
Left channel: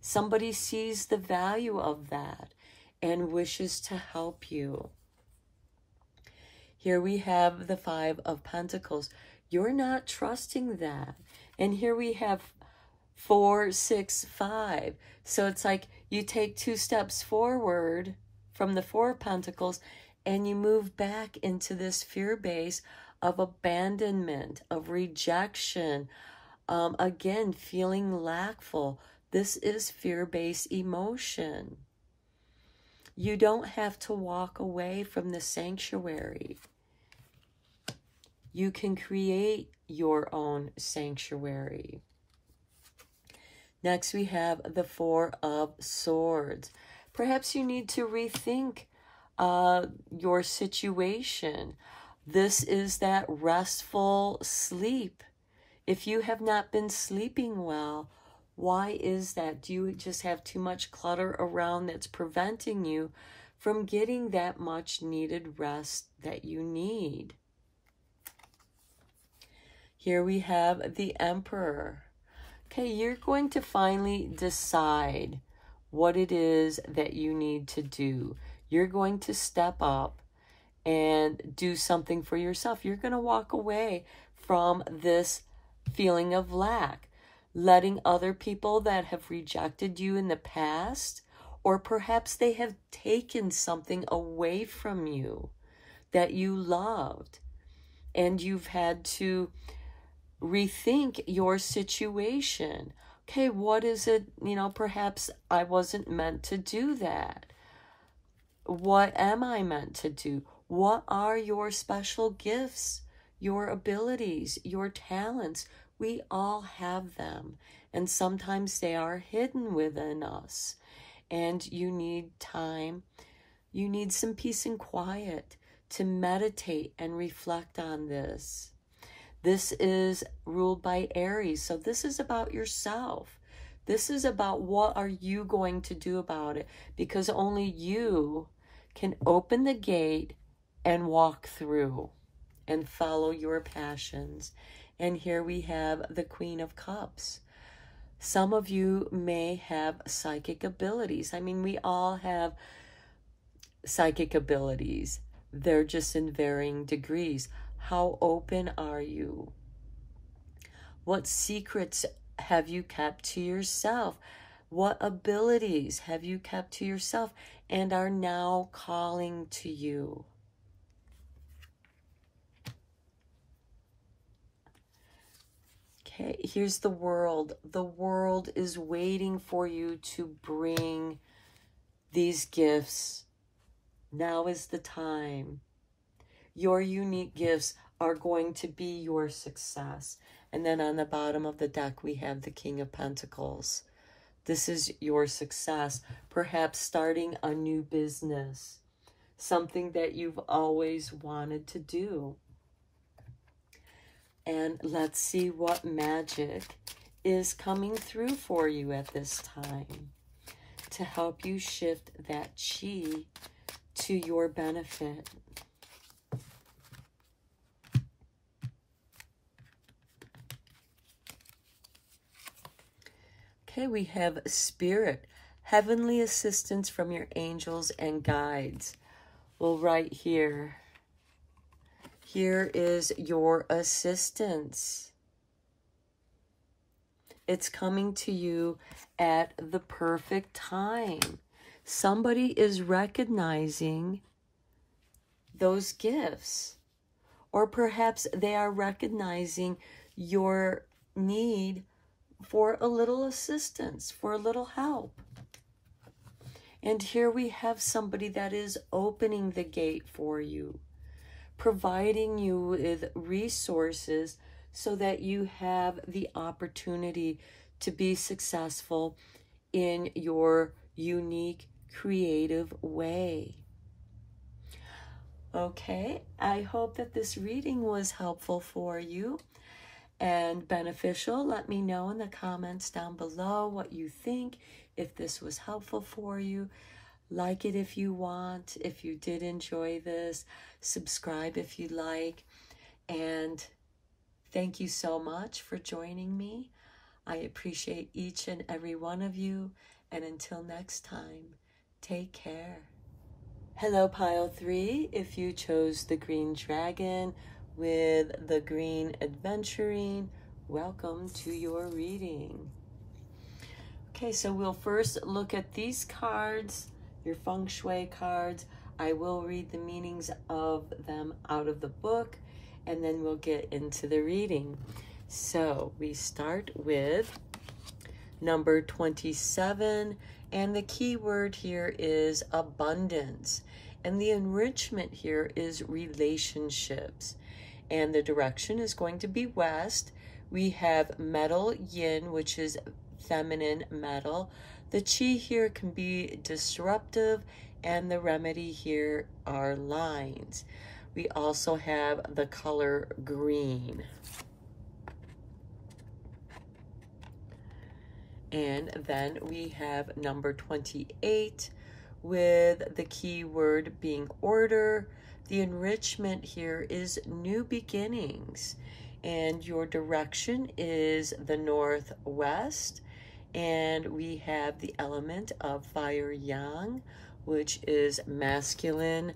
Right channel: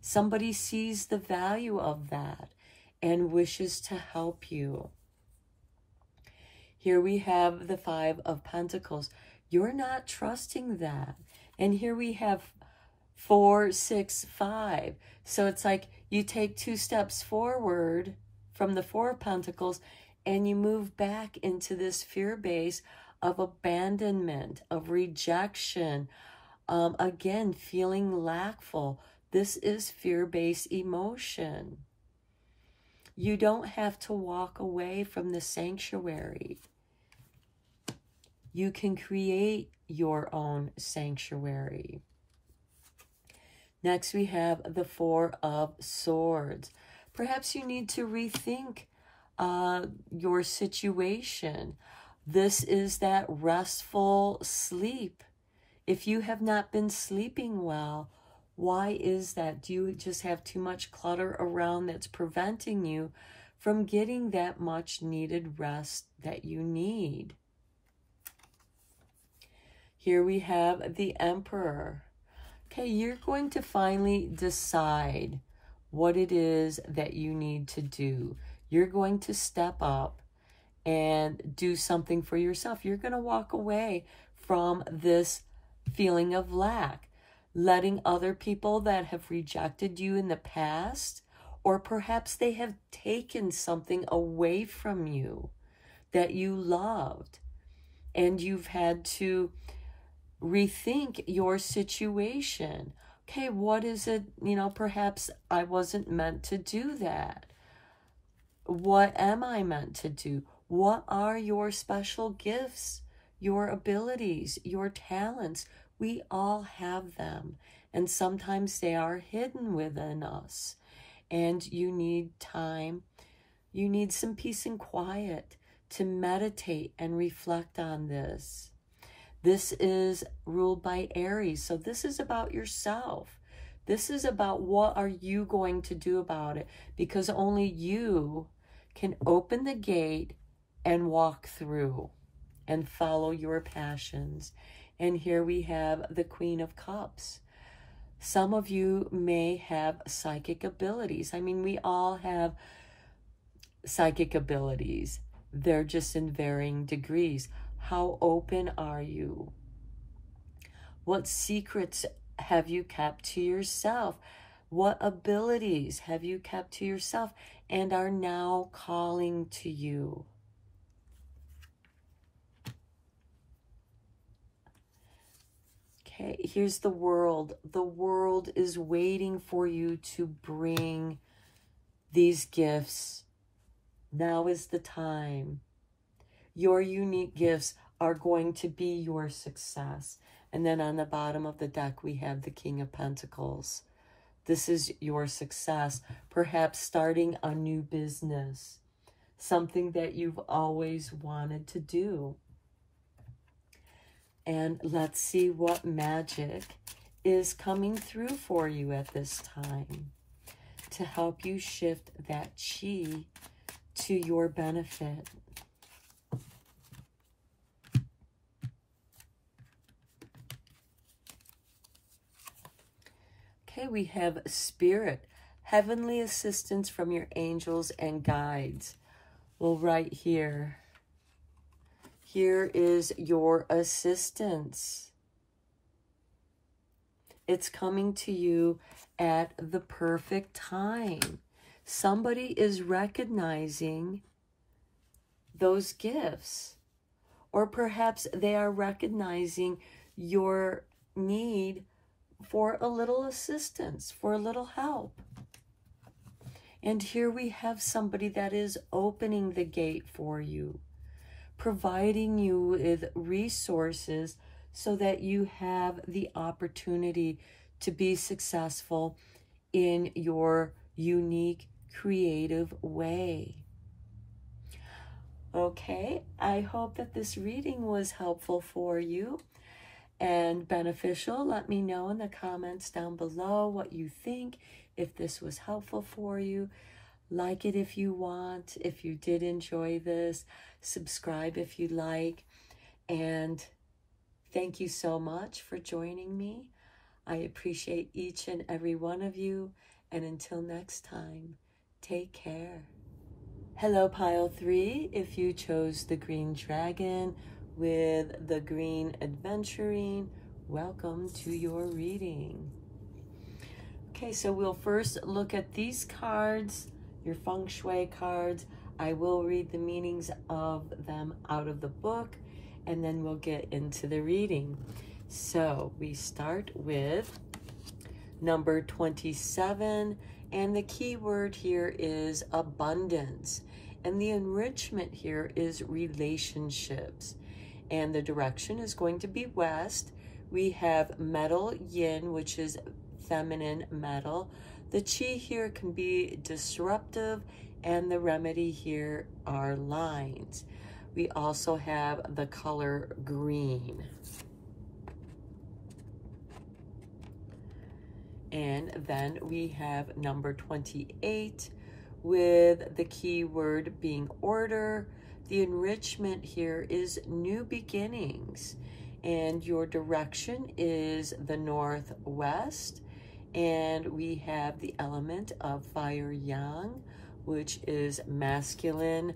Somebody sees the value of that and wishes to help you. Here we have the Five of Pentacles. You're not trusting that. And here we have 4, 6, 5. So it's like you take 2 steps forward from the Four of Pentacles and you move back into this fear base of abandonment, of rejection. Again, feeling lackful. This is fear-based emotion. You don't have to walk away from the sanctuary. You can create your own sanctuary. Next, we have the Four of Swords. Perhaps you need to rethink your situation. This is that restful sleep. If you have not been sleeping well, why is that? Do you just have too much clutter around that's preventing you from getting that much needed rest that you need? Here we have the Emperor. Okay, you're going to finally decide what it is that you need to do. You're going to step up and do something for yourself. You're going to walk away from this feeling of lack, letting other people that have rejected you in the past, or perhaps they have taken something away from you that you loved, and you've had to rethink your situation. Okay, what is it? Perhaps I wasn't meant to do that. What am I meant to do? What are your special gifts, your abilities, your talents? We all have them, and sometimes they are hidden within us. And you need time. You need some peace and quiet to meditate and reflect on this. This is ruled by Aries, so this is about yourself. This is about what are you going to do about it, because only you can open the gate and walk through and follow your passions. And here we have the Queen of Cups. Some of you may have psychic abilities. I mean, we all have psychic abilities. They're just in varying degrees. How open are you? What secrets have you kept to yourself? What abilities have you kept to yourself and are now calling to you? Okay, here's the World. The World is waiting for you to bring these gifts. Now is the time. Your unique gifts are going to be your success. And then on the bottom of the deck, we have the King of Pentacles. This is your success. Perhaps starting a new business, something that you've always wanted to do. And let's see what magic is coming through for you at this time to help you shift that chi to your benefit. Okay, we have Spirit, heavenly assistance from your angels and guides. Well, right here, here is your assistance. It's coming to you at the perfect time. Somebody is recognizing those gifts, or perhaps they are recognizing your need for a little assistance, for a little help. And here we have somebody that is opening the gate for you, providing you with resources so that you have the opportunity to be successful in your unique, creative way. Okay, I hope that this reading was helpful for you and beneficial. Let me know in the comments down below what you think, if this was helpful for you. Like it if you want, if you did enjoy this. Subscribe if you like. And thank you so much for joining me. I appreciate each and every one of you. And until next time, take care. Hello, Pile 3. If you chose the Green Dragon with the Green Adventuring, welcome to your reading. Okay, so we'll first look at these cards, your Feng Shui cards. I will read the meanings of them out of the book, and then we'll get into the reading. So we start with number 27, and the key word here is abundance. And the enrichment here is relationships. And the direction is going to be west. We have metal yin, which is feminine metal. The chi here can be disruptive, and the remedy here are lines. We also have the color green. And then we have number 28 with the key word being order. The enrichment here is new beginnings, and your direction is the northwest. And we have the element of fire yang, which is masculine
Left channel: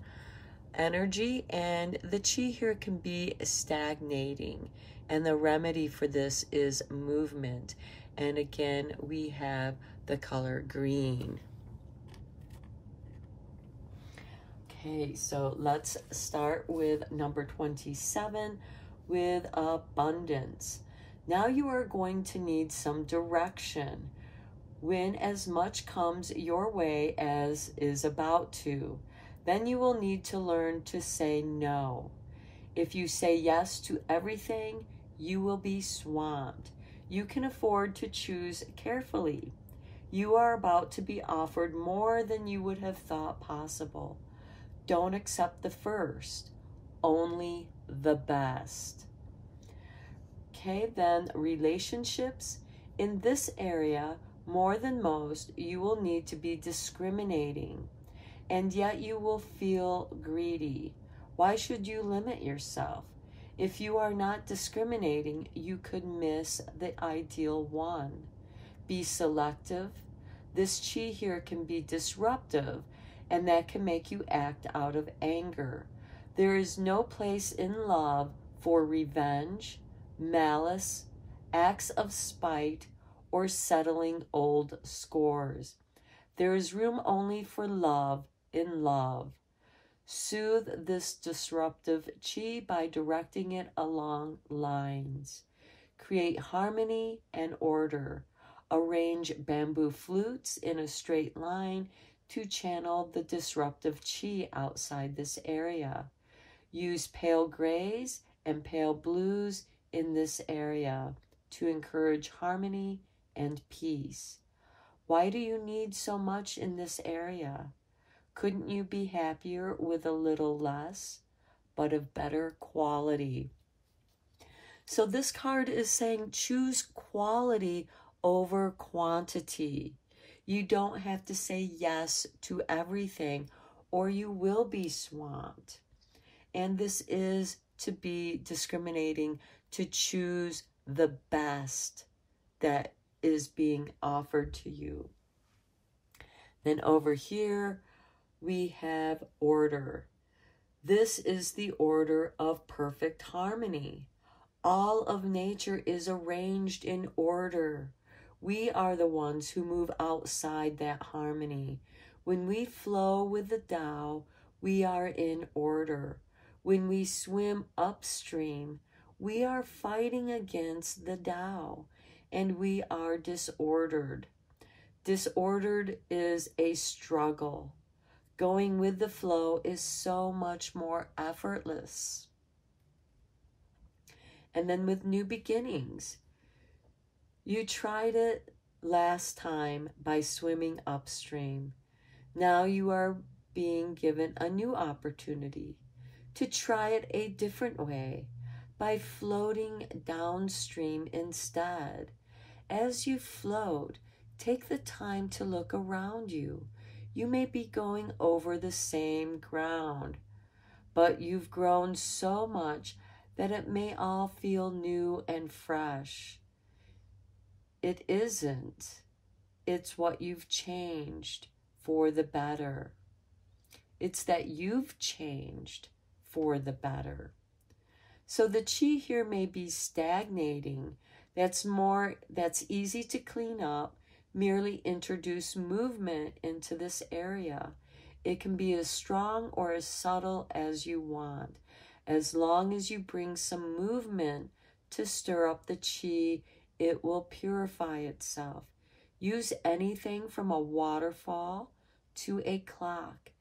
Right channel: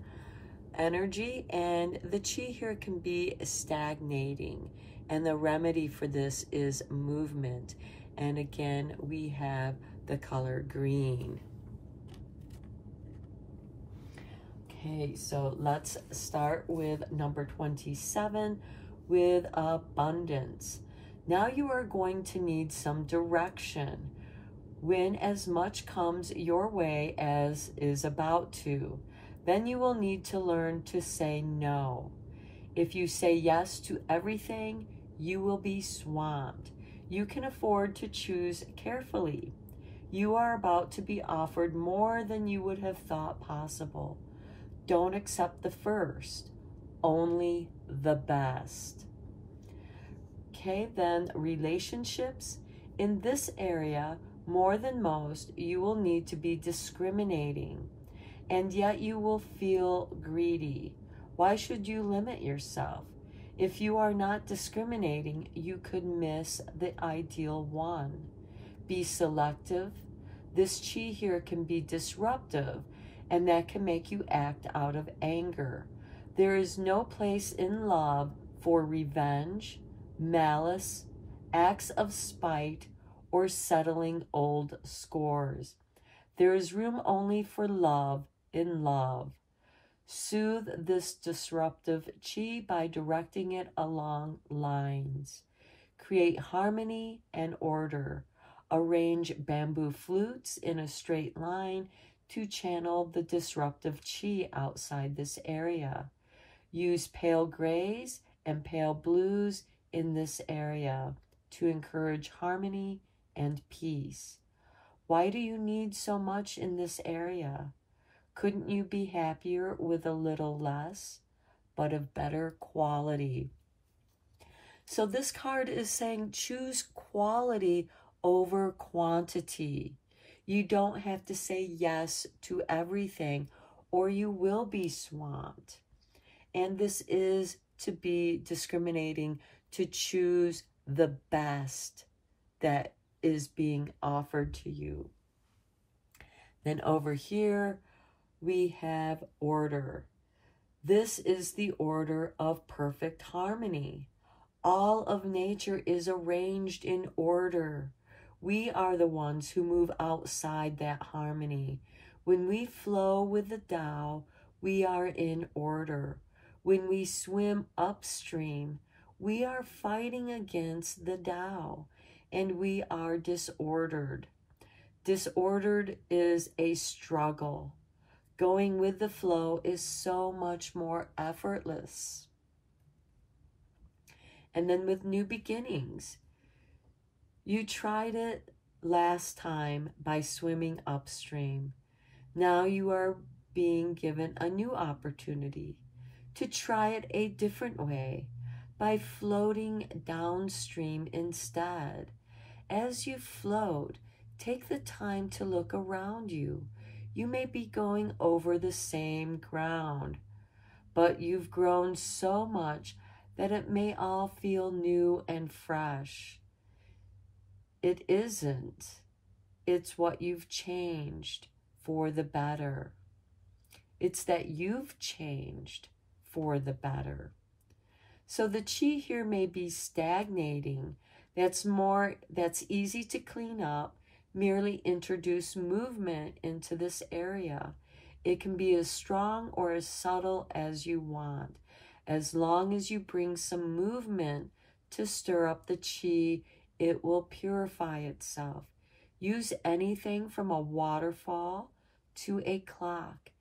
energy, and the chi here can be stagnating, and the remedy for this is movement. And again, we have the color green. Okay, so let's start with number 27 with abundance. Now you are going to need some direction when as much comes your way as is about to. Then you will need to learn to say no. If you say yes to everything, you will be swamped. You can afford to choose carefully. You are about to be offered more than you would have thought possible. Don't accept the first, only the best. Okay, then relationships. In this area, more than most, you will need to be discriminating, and yet you will feel greedy. Why should you limit yourself? If you are not discriminating, you could miss the ideal one. Be selective. This chi here can be disruptive, and that can make you act out of anger. There is no place in love for revenge, malice, acts of spite, or settling old scores. There is room only for love in love. Soothe this disruptive chi by directing it along lines. Create harmony and order. Arrange bamboo flutes in a straight line to channel the disruptive chi outside this area. Use pale grays and pale blues in this area to encourage harmony and peace. Why do you need so much in this area? Couldn't you be happier with a little less, but of better quality? So this card is saying choose quality over quantity. You don't have to say yes to everything, or you will be swamped. And this is to be discriminating, to choose the best that is being offered to you. Then over here, we have order. This is the order of perfect harmony. All of nature is arranged in order. We are the ones who move outside that harmony. When we flow with the Tao, we are in order. When we swim upstream, we are fighting against the Tao, and we are disordered. Disordered is a struggle. Going with the flow is so much more effortless. And then with new beginnings, you tried it last time by swimming upstream. Now you are being given a new opportunity to try it a different way by floating downstream instead. As you float, take the time to look around you. You may be going over the same ground, but you've grown so much that it may all feel new and fresh. It isn't. It's what you've changed for the better. It's that you've changed for the better. So the chi here may be stagnating. That's easy to clean up. Merely introduce movement into this area. It can be as strong or as subtle as you want. As long as you bring some movement to stir up the chi, it will purify itself. Use anything from a waterfall to a clock.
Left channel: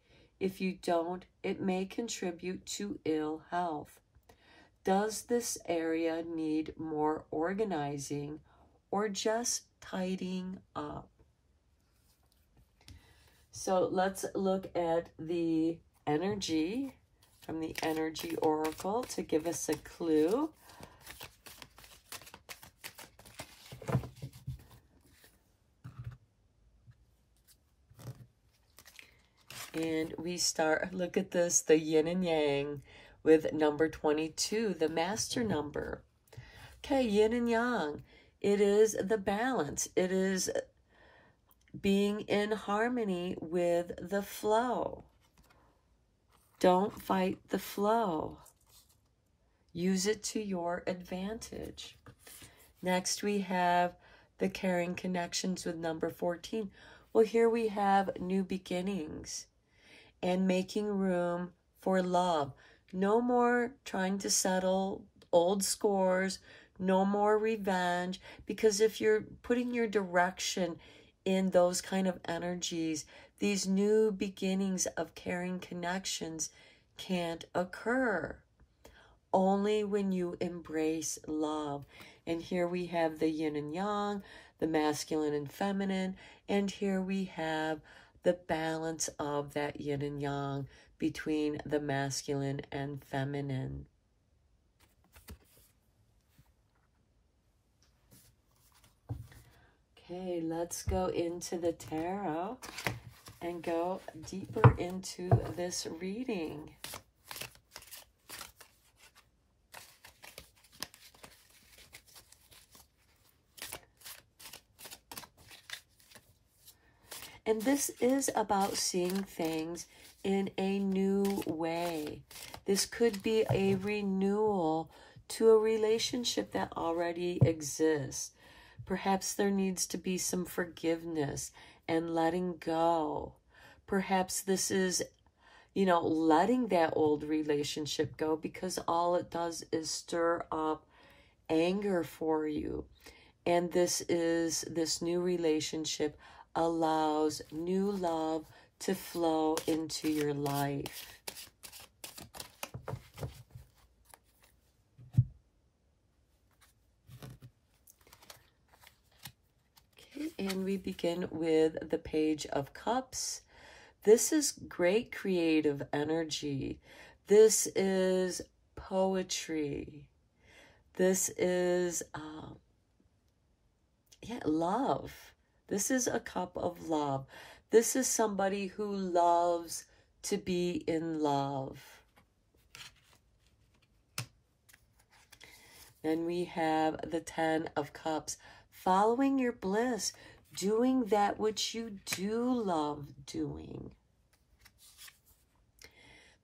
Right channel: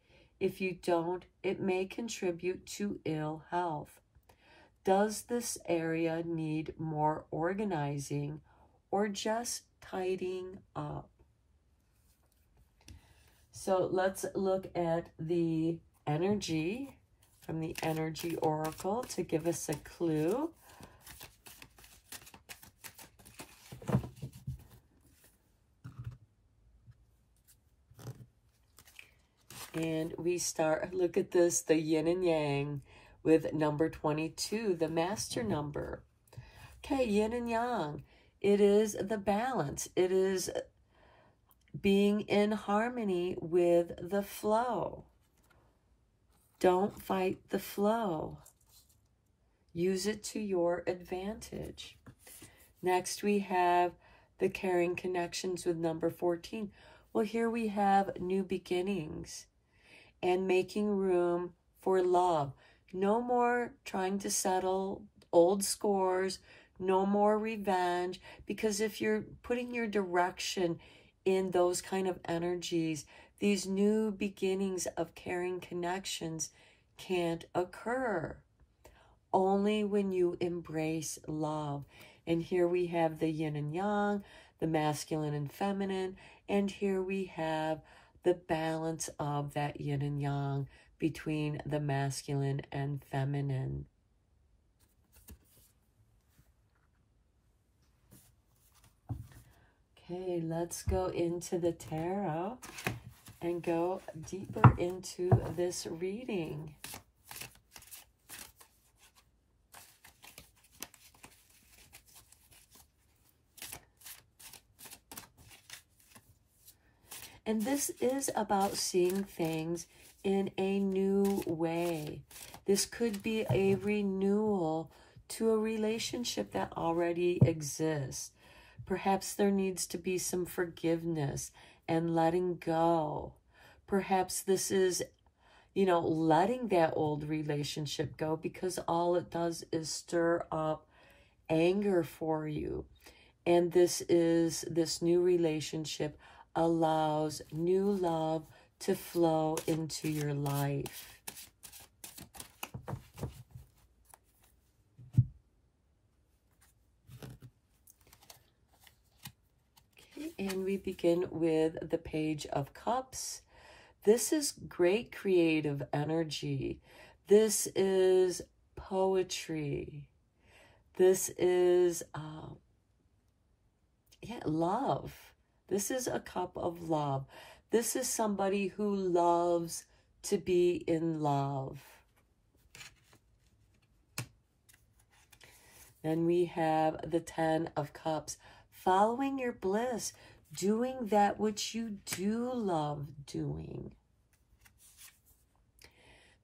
If you don't, it may contribute to ill health. Does this area need more organizing or just tidying up. So let's look at the energy from the Energy Oracle to give us a clue. And we start, look at this, the yin and yang with number 22, the master number. Okay, yin and yang. It is the balance. It is being in harmony with the flow. Don't fight the flow. Use it to your advantage. Next, we have the caring connections with number 14. Well, here we have new beginnings and making room for love. No more trying to settle old scores, no more revenge, because if you're putting your direction in those kind of energies, these new beginnings of caring connections can't occur. Only when you embrace love. And here we have the yin and yang, the masculine and feminine, and here we have the balance of that yin and yang between the masculine and feminine. Okay, let's go into the tarot and go deeper into this reading. And this is about seeing things in a new way. This could be a renewal to a relationship that already exists. Perhaps there needs to be some forgiveness and letting go. Perhaps this is, letting that old relationship go, because all it does is stir up anger for you. And this new relationship allows new love to flow into your life. Okay, and we begin with the Page of Cups. This is great creative energy. This is poetry. This is, love. This is a cup of love. This is somebody who loves to be in love. Then we have the 10 of Cups. Following your bliss, doing that which you do love doing.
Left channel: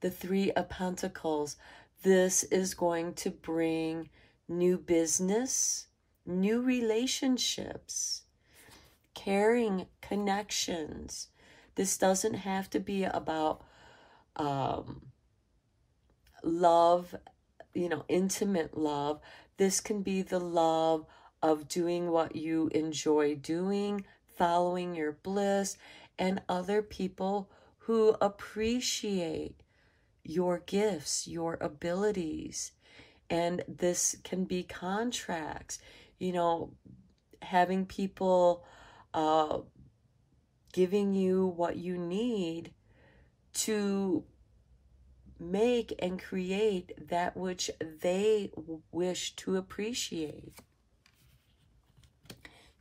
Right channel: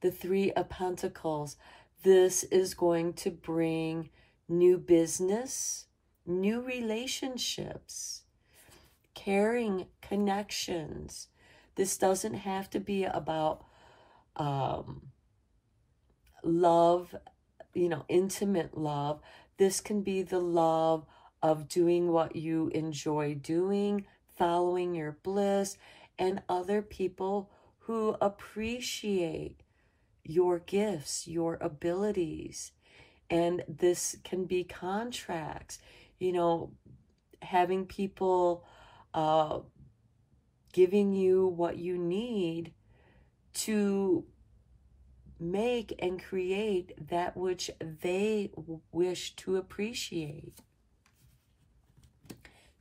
The 3 of Pentacles. This is going to bring new business, new relationships, caring connections. This doesn't have to be about love, intimate love. This can be the love of doing what you enjoy doing, following your bliss, and other people who appreciate your gifts, your abilities. And this can be contracts, having people giving you what you need to make and create that which they wish to appreciate.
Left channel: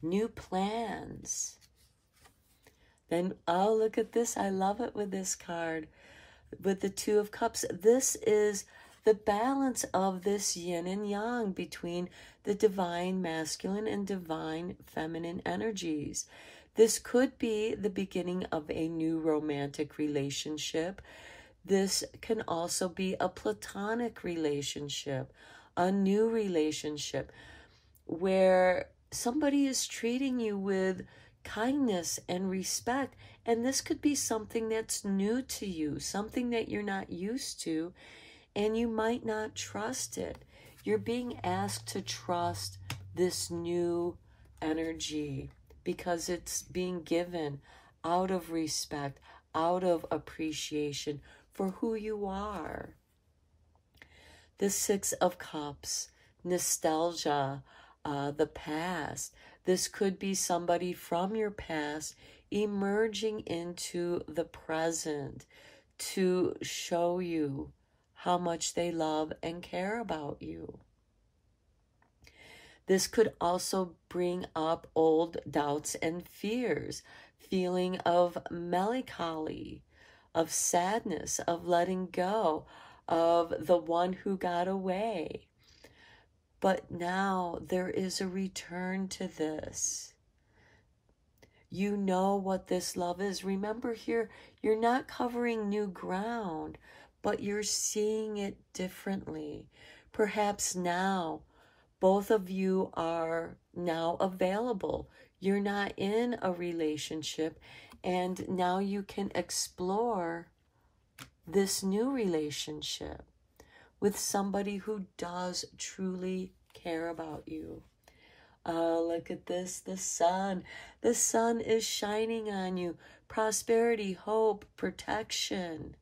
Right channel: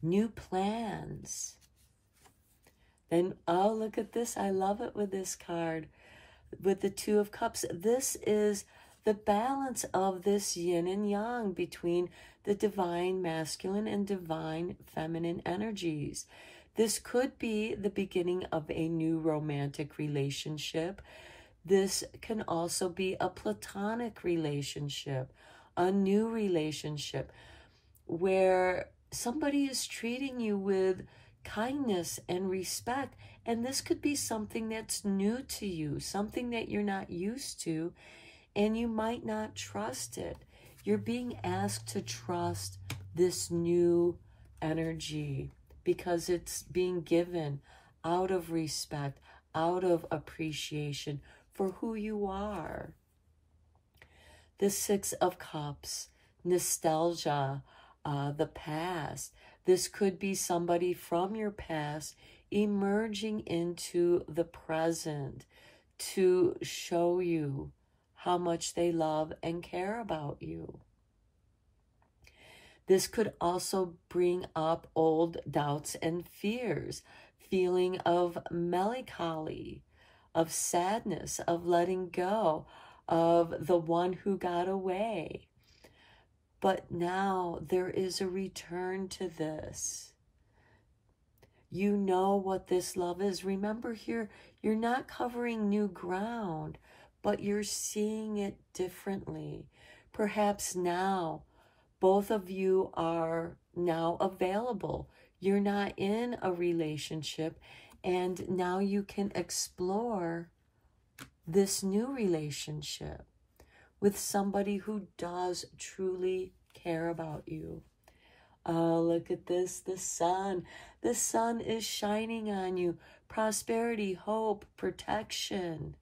New plans. Then, oh, look at this. I love it with this card. With the 2 of Cups. This is the balance of this yin and yang between the divine masculine and divine feminine energies. This could be the beginning of a new romantic relationship. This can also be a platonic relationship, a new relationship where somebody is treating you with kindness and respect. And this could be something that's new to you, something that you're not used to, and you might not trust it. You're being asked to trust this new energy because it's being given out of respect, out of appreciation for who you are. The 6 of Cups, nostalgia, the past. This could be somebody from your past emerging into the present to show you how much they love and care about you. This could also bring up old doubts and fears, feeling of melancholy, of sadness, of letting go, of the one who got away. But now there is a return to this. You know what this love is. Remember here, you're not covering new ground, but you're seeing it differently. Perhaps now, both of you are now available. You're not in a relationship, and now you can explore this new relationship with somebody who does truly care about you. Look at this, the sun. The sun is shining on you. Prosperity, hope, protection.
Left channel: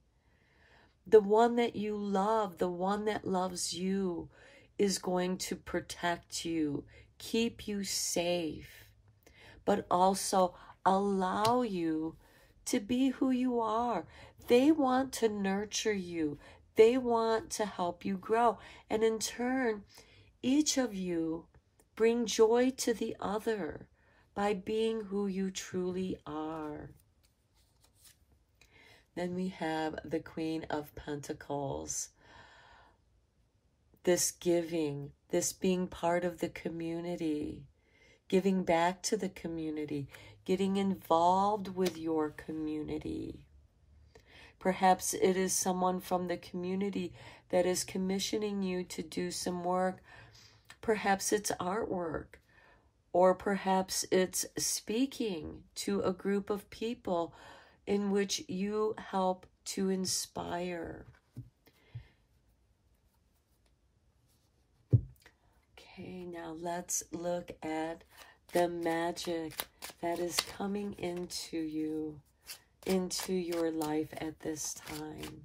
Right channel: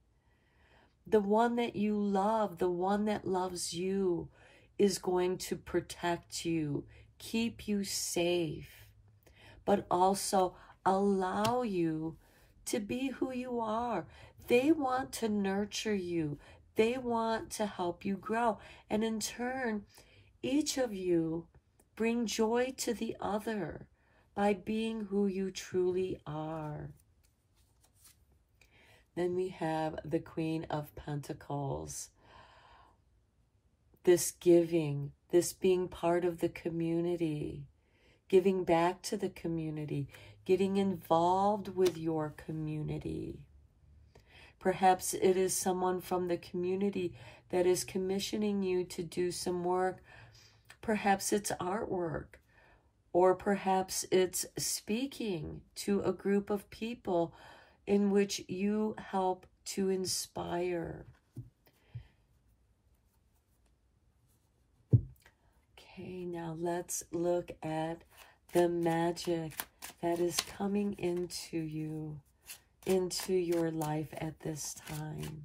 The one that you love, the one that loves you, is going to protect you, keep you safe, but also allow you to be who you are. They want to nurture you. They want to help you grow. And in turn, each of you bring joy to the other by being who you truly are. Then we have the Queen of Pentacles. This giving, this being part of the community, giving back to the community, getting involved with your community. Perhaps it is someone from the community that is commissioning you to do some work. Perhaps it's artwork, or perhaps it's speaking to a group of people in which you help to inspire. Okay, now let's look at the magic that is coming into you, into your life at this time.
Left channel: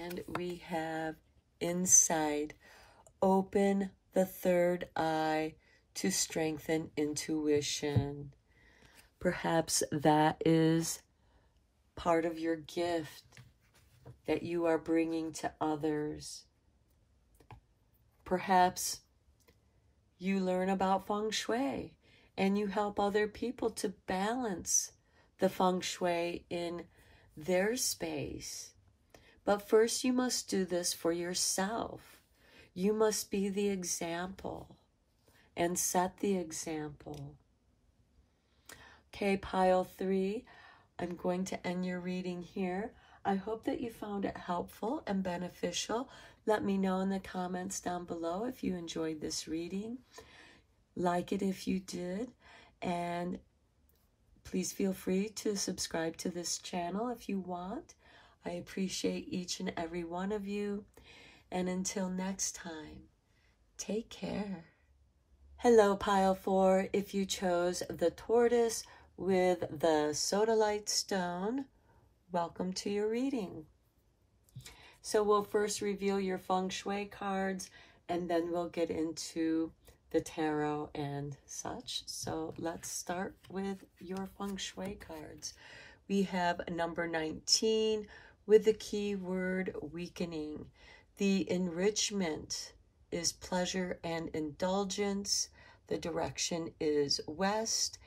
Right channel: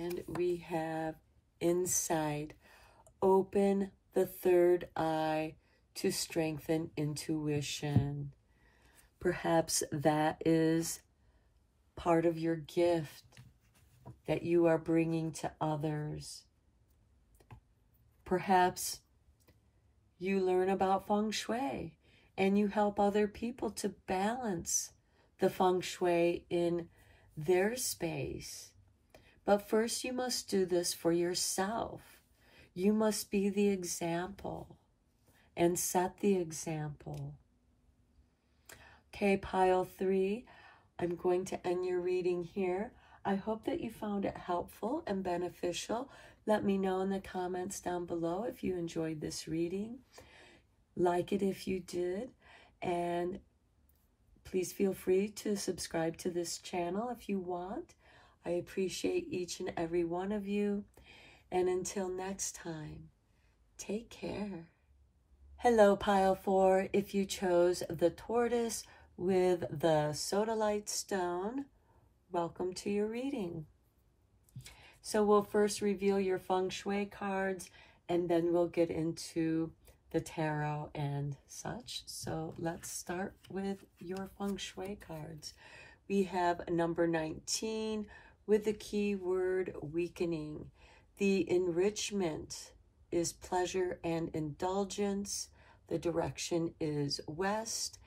And we have insight. Open the third eye to strengthen intuition. Perhaps that is part of your gift that you are bringing to others. Perhaps you learn about Feng Shui and you help other people to balance the Feng Shui in their space. But first you must do this for yourself. You must be the example and set the example. Okay, pile 3, I'm going to end your reading here. I hope that you found it helpful and beneficial. Let me know in the comments down below if you enjoyed this reading. Like it if you did, and please feel free to subscribe to this channel if you want. I appreciate each and every one of you, and until next time, take care. Hello, pile 4. If you chose the tortoise with the sodalite stone, welcome to your reading. So we'll first reveal your Feng Shui cards, and then we'll get into the tarot and such. So let's start with your Feng Shui cards. We have number 19 with the keyword weakening. The enrichment is pleasure and indulgence. The direction is west.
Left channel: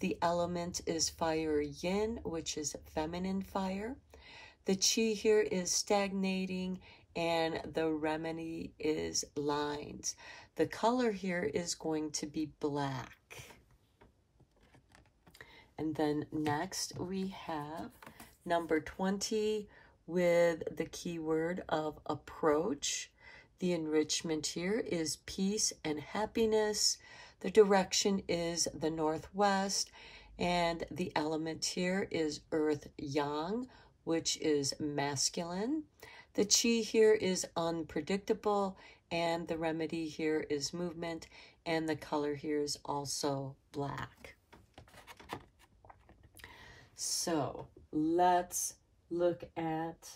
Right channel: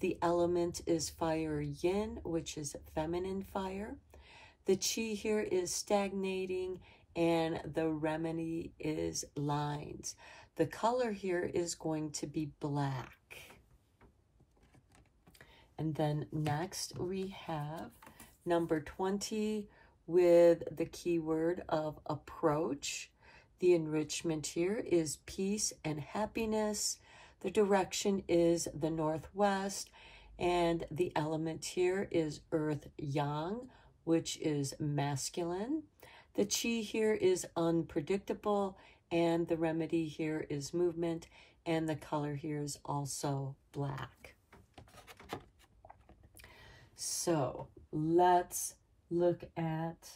The element is fire yin, which is feminine fire. The chi here is stagnating, and the remedy is lines. The color here is going to be black. And then next we have number 20 with the keyword of approach. The enrichment here is peace and happiness. The direction is the northwest, and the element here is earth yang, which is masculine. The chi here is unpredictable, and the remedy here is movement, and the color here is also black. So let's look at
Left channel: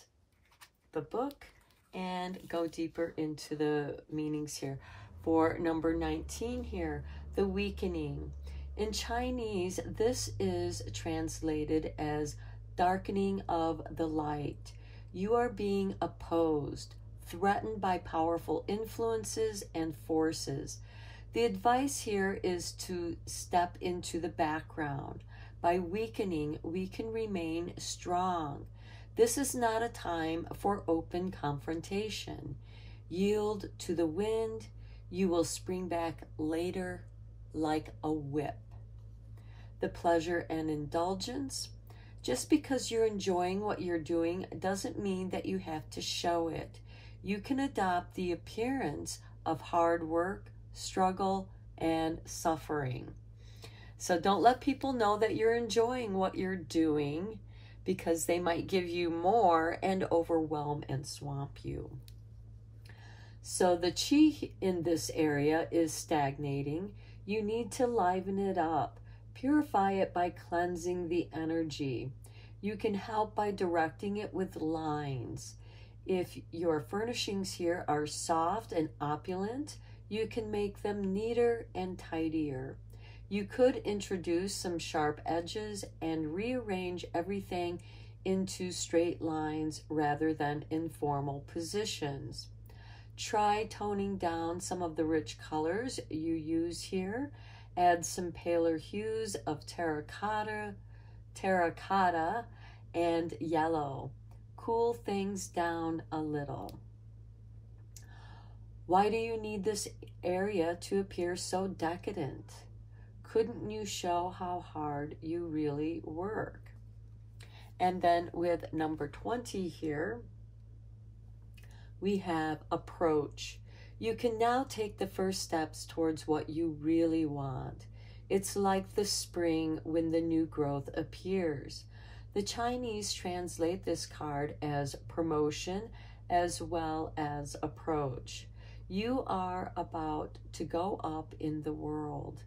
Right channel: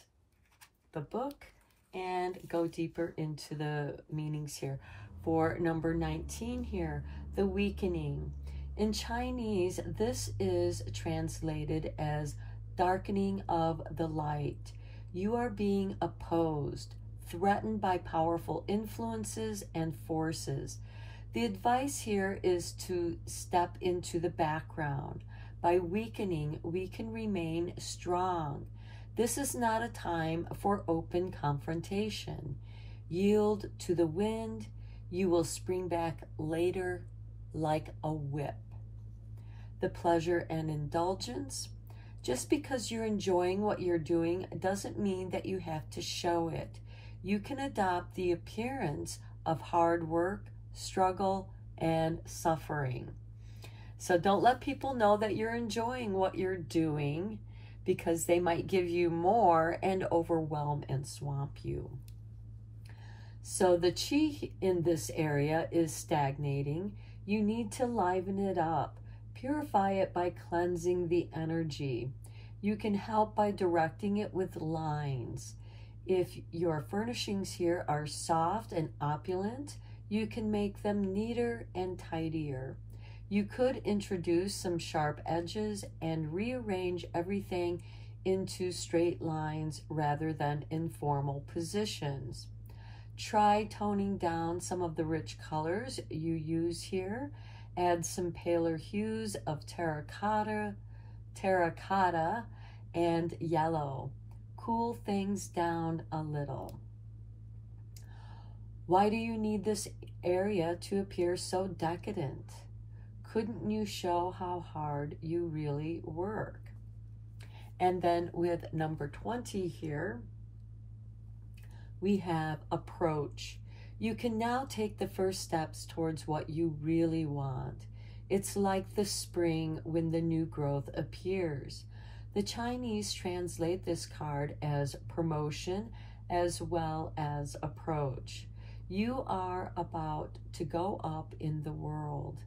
the book and go deeper into the meanings here. For number 19 here, the weakening. In Chinese, this is translated as darkening of the light. You are being opposed, threatened by powerful influences and forces. The advice here is to step into the background. By weakening, we can remain strong. This is not a time for open confrontation. Yield to the wind. You will spring back later like a whip. The pleasure and indulgence. Just because you're enjoying what you're doing doesn't mean that you have to show it. You can adopt the appearance of hard work, struggle, and suffering. So don't let people know that you're enjoying what you're doing, because they might give you more and overwhelm and swamp you. So the chi in this area is stagnating. You need to liven it up. Purify it by cleansing the energy. You can help by directing it with lines. If your furnishings here are soft and opulent, you can make them neater and tidier. You could introduce some sharp edges and rearrange everything into straight lines rather than informal positions. Try toning down some of the rich colors you use here. Add some paler hues of terracotta, and yellow. Cool things down a little. Why do you need this area to appear so decadent? Couldn't you show how hard you really work? And then with number 20 here, we have approach. You can now take the first steps towards what you really want. It's like the spring when the new growth appears. The Chinese translate this card as promotion as well as approach. You are about to go up in the world.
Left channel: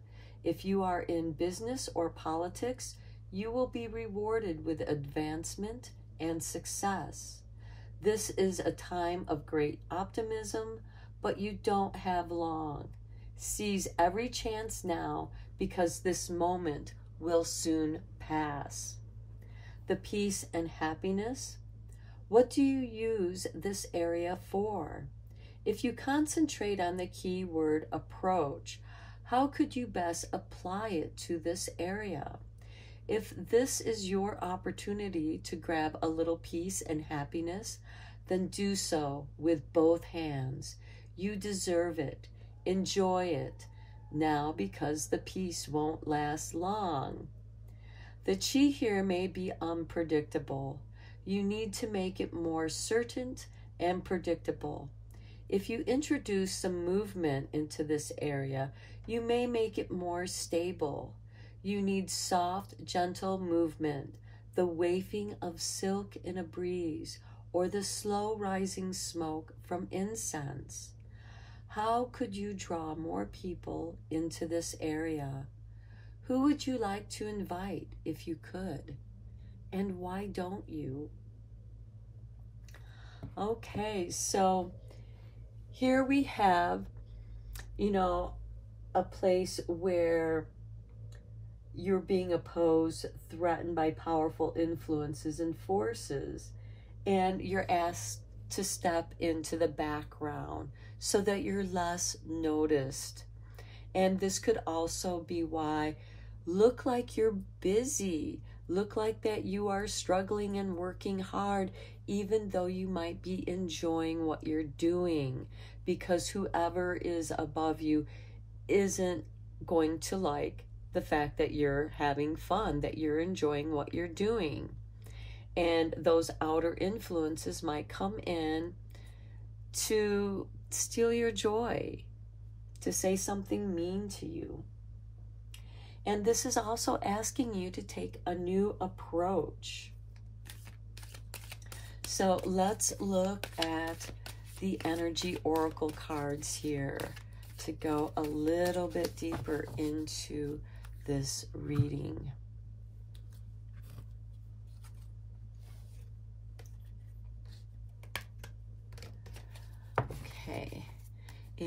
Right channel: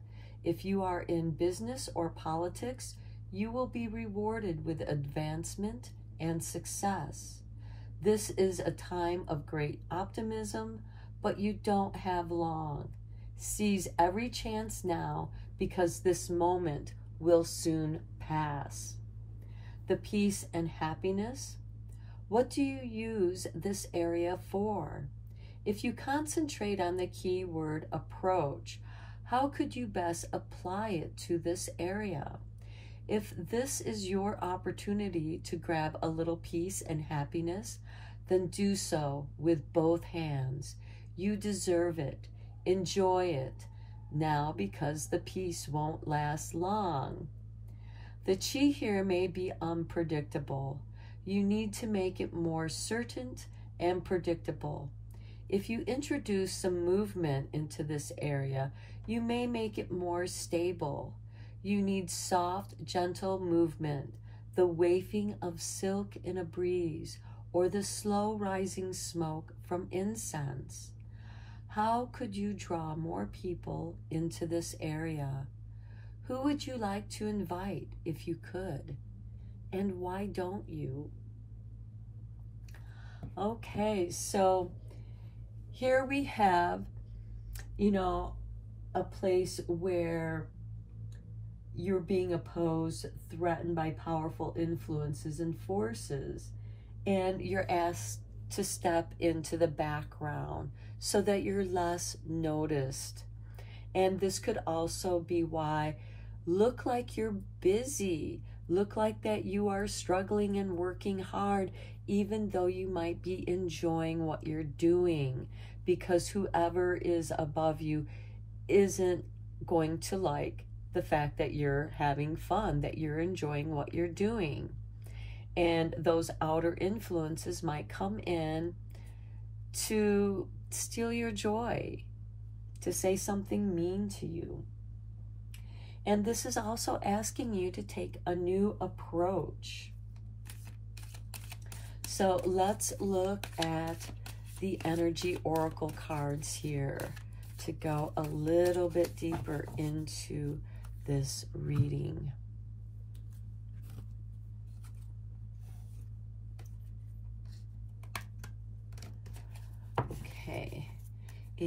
If you are in business or politics, you will be rewarded with advancement and success. This is a time of great optimism, but you don't have long. Seize every chance now, because this moment will soon pass. The peace and happiness. What do you use this area for? If you concentrate on the key word approach, how could you best apply it to this area? If this is your opportunity to grab a little peace and happiness, then do so with both hands. You deserve it. Enjoy it now, because the peace won't last long. The chi here may be unpredictable. You need to make it more certain and predictable. If you introduce some movement into this area, you may make it more stable. You need soft, gentle movement, the wafting of silk in a breeze, or the slow rising smoke from incense. How could you draw more people into this area? Who would you like to invite if you could? And why don't you? Okay, so here we have, a place where you're being opposed, threatened by powerful influences and forces, and you're asked to step into the background so that you're less noticed. And this could also be why look like you're busy, look like that you are struggling and working hard, even though you might be enjoying what you're doing, because whoever is above you isn't going to like the fact that you're having fun, that you're enjoying what you're doing. And those outer influences might come in to steal your joy, to say something mean to you. And this is also asking you to take a new approach. So let's look at the energy oracle cards here to go a little bit deeper into this reading.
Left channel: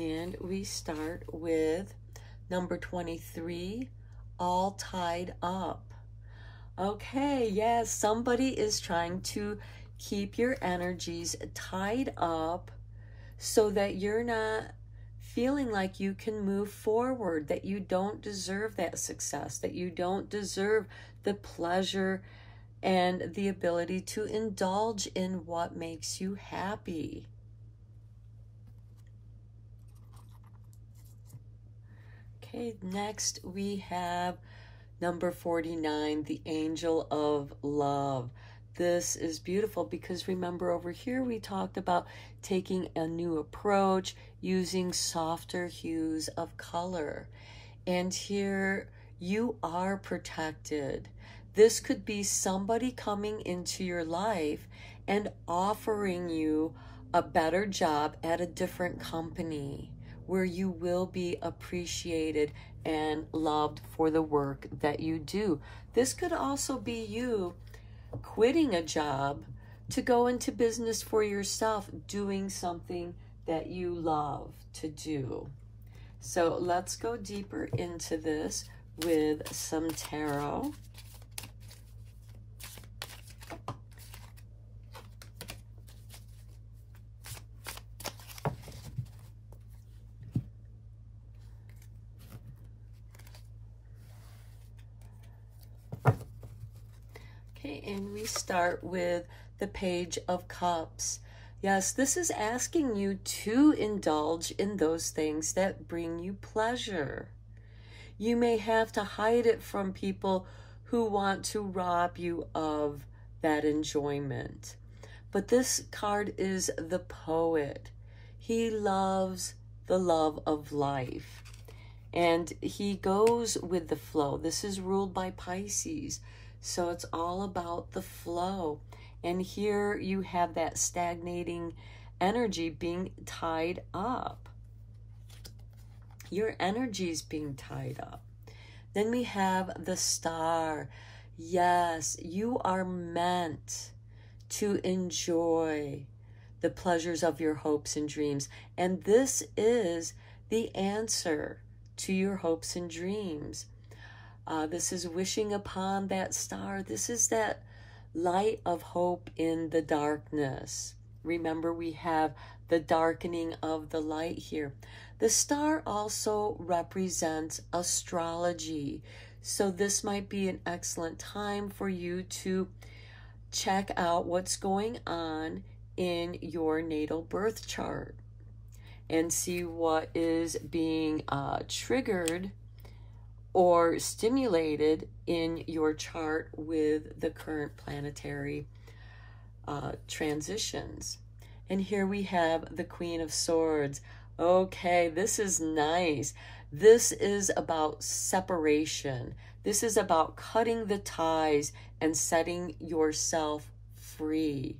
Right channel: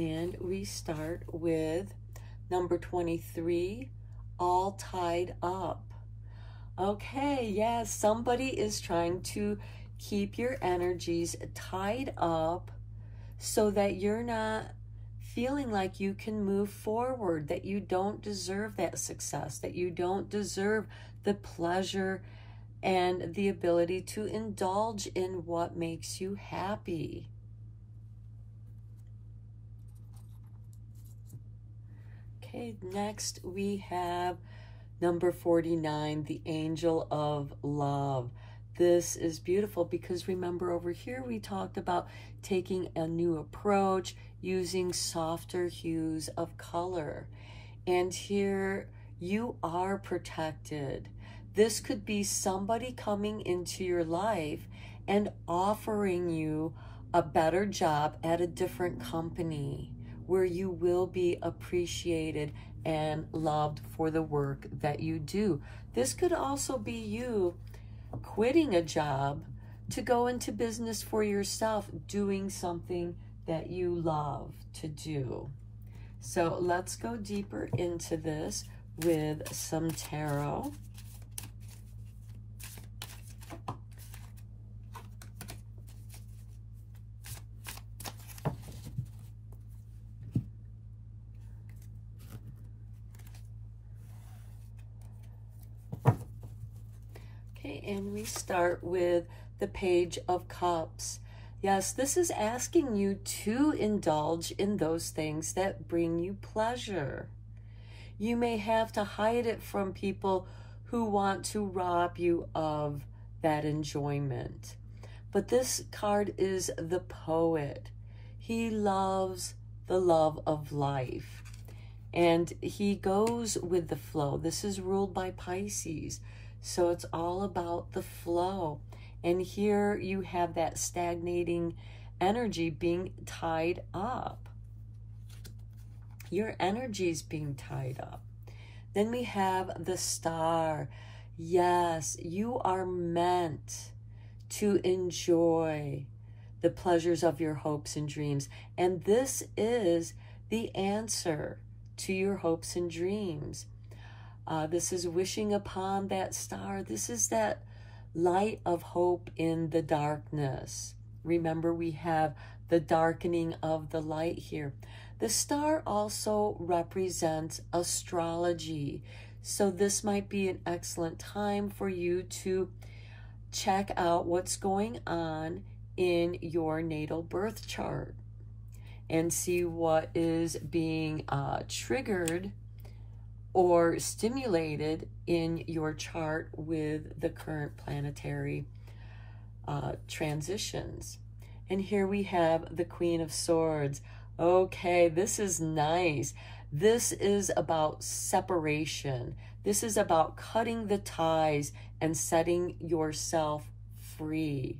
And we start with number 23, all tied up. Okay, yes, somebody is trying to keep your energies tied up so that you're not feeling like you can move forward, that you don't deserve that success, that you don't deserve the pleasure and the ability to indulge in what makes you happy. Okay, next we have number 49, the Angel of Love. This is beautiful because remember over here we talked about taking a new approach, using softer hues of color. And here you are protected. This could be somebody coming into your life and offering you a better job at a different company where you will be appreciated and loved for the work that you do. This could also be you quitting a job to go into business for yourself, doing something that you love to do. So let's go deeper into this with some tarot. Okay, and we start with the Page of Cups. Yes, this is asking you to indulge in those things that bring you pleasure. You may have to hide it from people who want to rob you of that enjoyment. But this card is the Poet. He loves the love of life. And he goes with the flow. This is ruled by Pisces. So it's all about the flow. And here you have that stagnating energy being tied up. Your energy is being tied up. Then we have the Star. Yes, you are meant to enjoy the pleasures of your hopes and dreams. And this is the answer to your hopes and dreams. This is wishing upon that star. This is that light of hope in the darkness. Remember, we have the darkening of the light here. The star also represents astrology. So this might be an excellent time for you to check out what's going on in your natal birth chart and see what is being triggered or stimulated in your chart with the current planetary transitions. And here we have the Queen of Swords. Okay, this is nice. This is about separation. This is about cutting the ties and setting yourself free.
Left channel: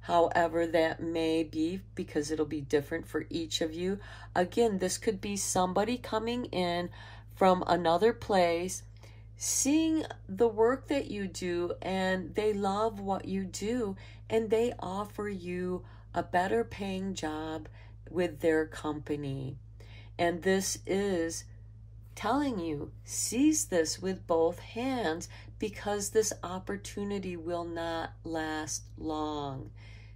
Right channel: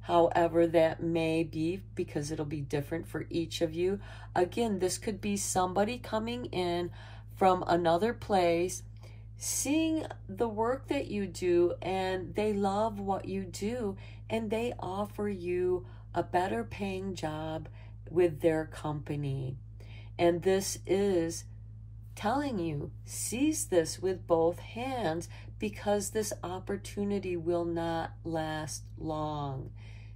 However that may be, because it'll be different for each of you. Again, this could be somebody coming in from another place, seeing the work that you do, and they love what you do, and they offer you a better paying job with their company. And this is telling you, seize this with both hands, because this opportunity will not last long.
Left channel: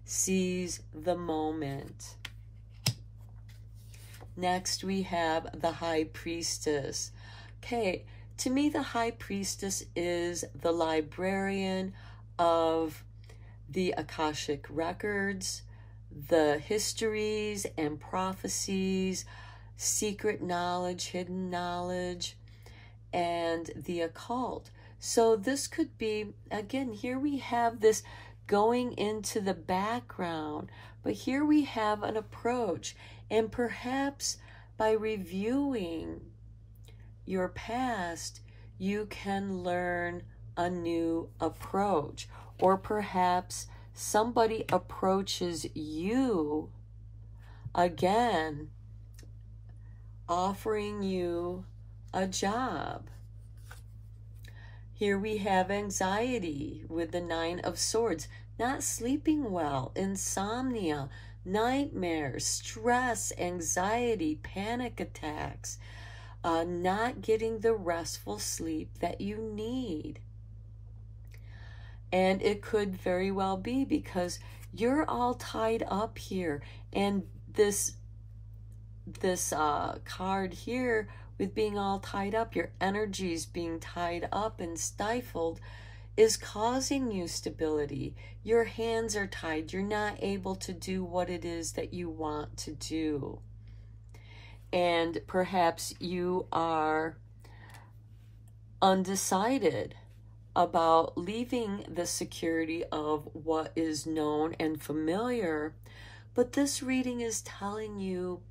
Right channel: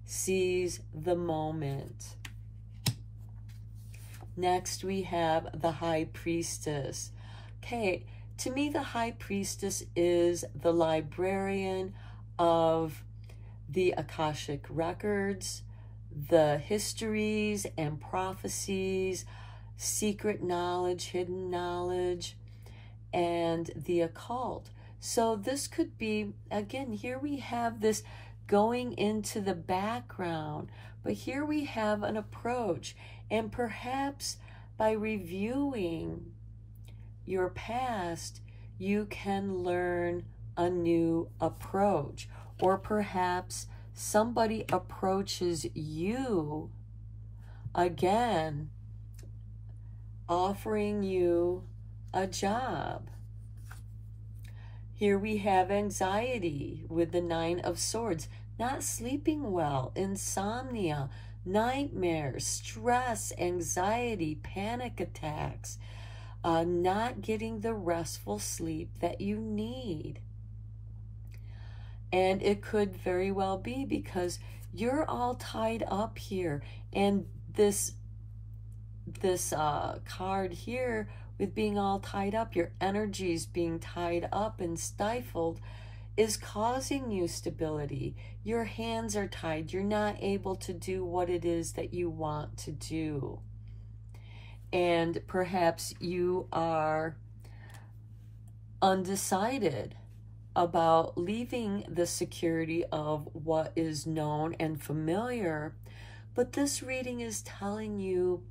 Seize the moment. Next, we have the High Priestess. Okay, to me, the High Priestess is the librarian of the Akashic records, the histories and prophecies, secret knowledge, hidden knowledge, and the occult. So this could be, again, here we have this going into the background, but here we have an approach. And perhaps by reviewing your past, you can learn a new approach. Or perhaps somebody approaches you again, offering you a job. Here we have anxiety with the Nine of Swords, not sleeping well, insomnia, nightmares, stress, anxiety, panic attacks, not getting the restful sleep that you need. And it could very well be because you're all tied up here. And this card here with being all tied up, your energies being tied up and stifled, is causing you stability. Your hands are tied. You're not able to do what it is that you want to do. And perhaps you are undecided about leaving the security of what is known and familiar. But this reading is telling you,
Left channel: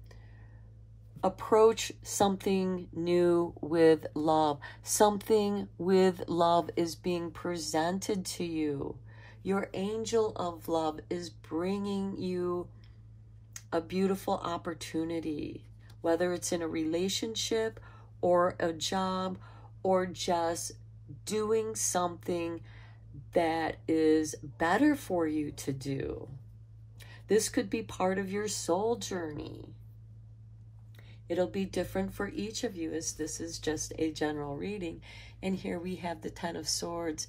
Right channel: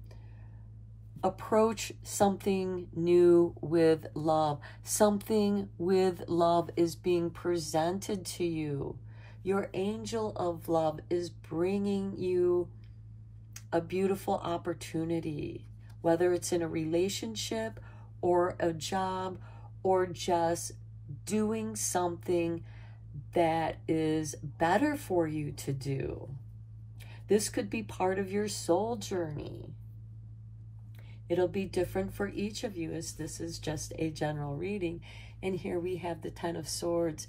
approach something new with love. Something with love is being presented to you. Your angel of love is bringing you a beautiful opportunity, whether it's in a relationship or a job or just doing something that is better for you to do. This could be part of your soul journey. It'll be different for each of you, as this is just a general reading. And here we have the Ten of Swords.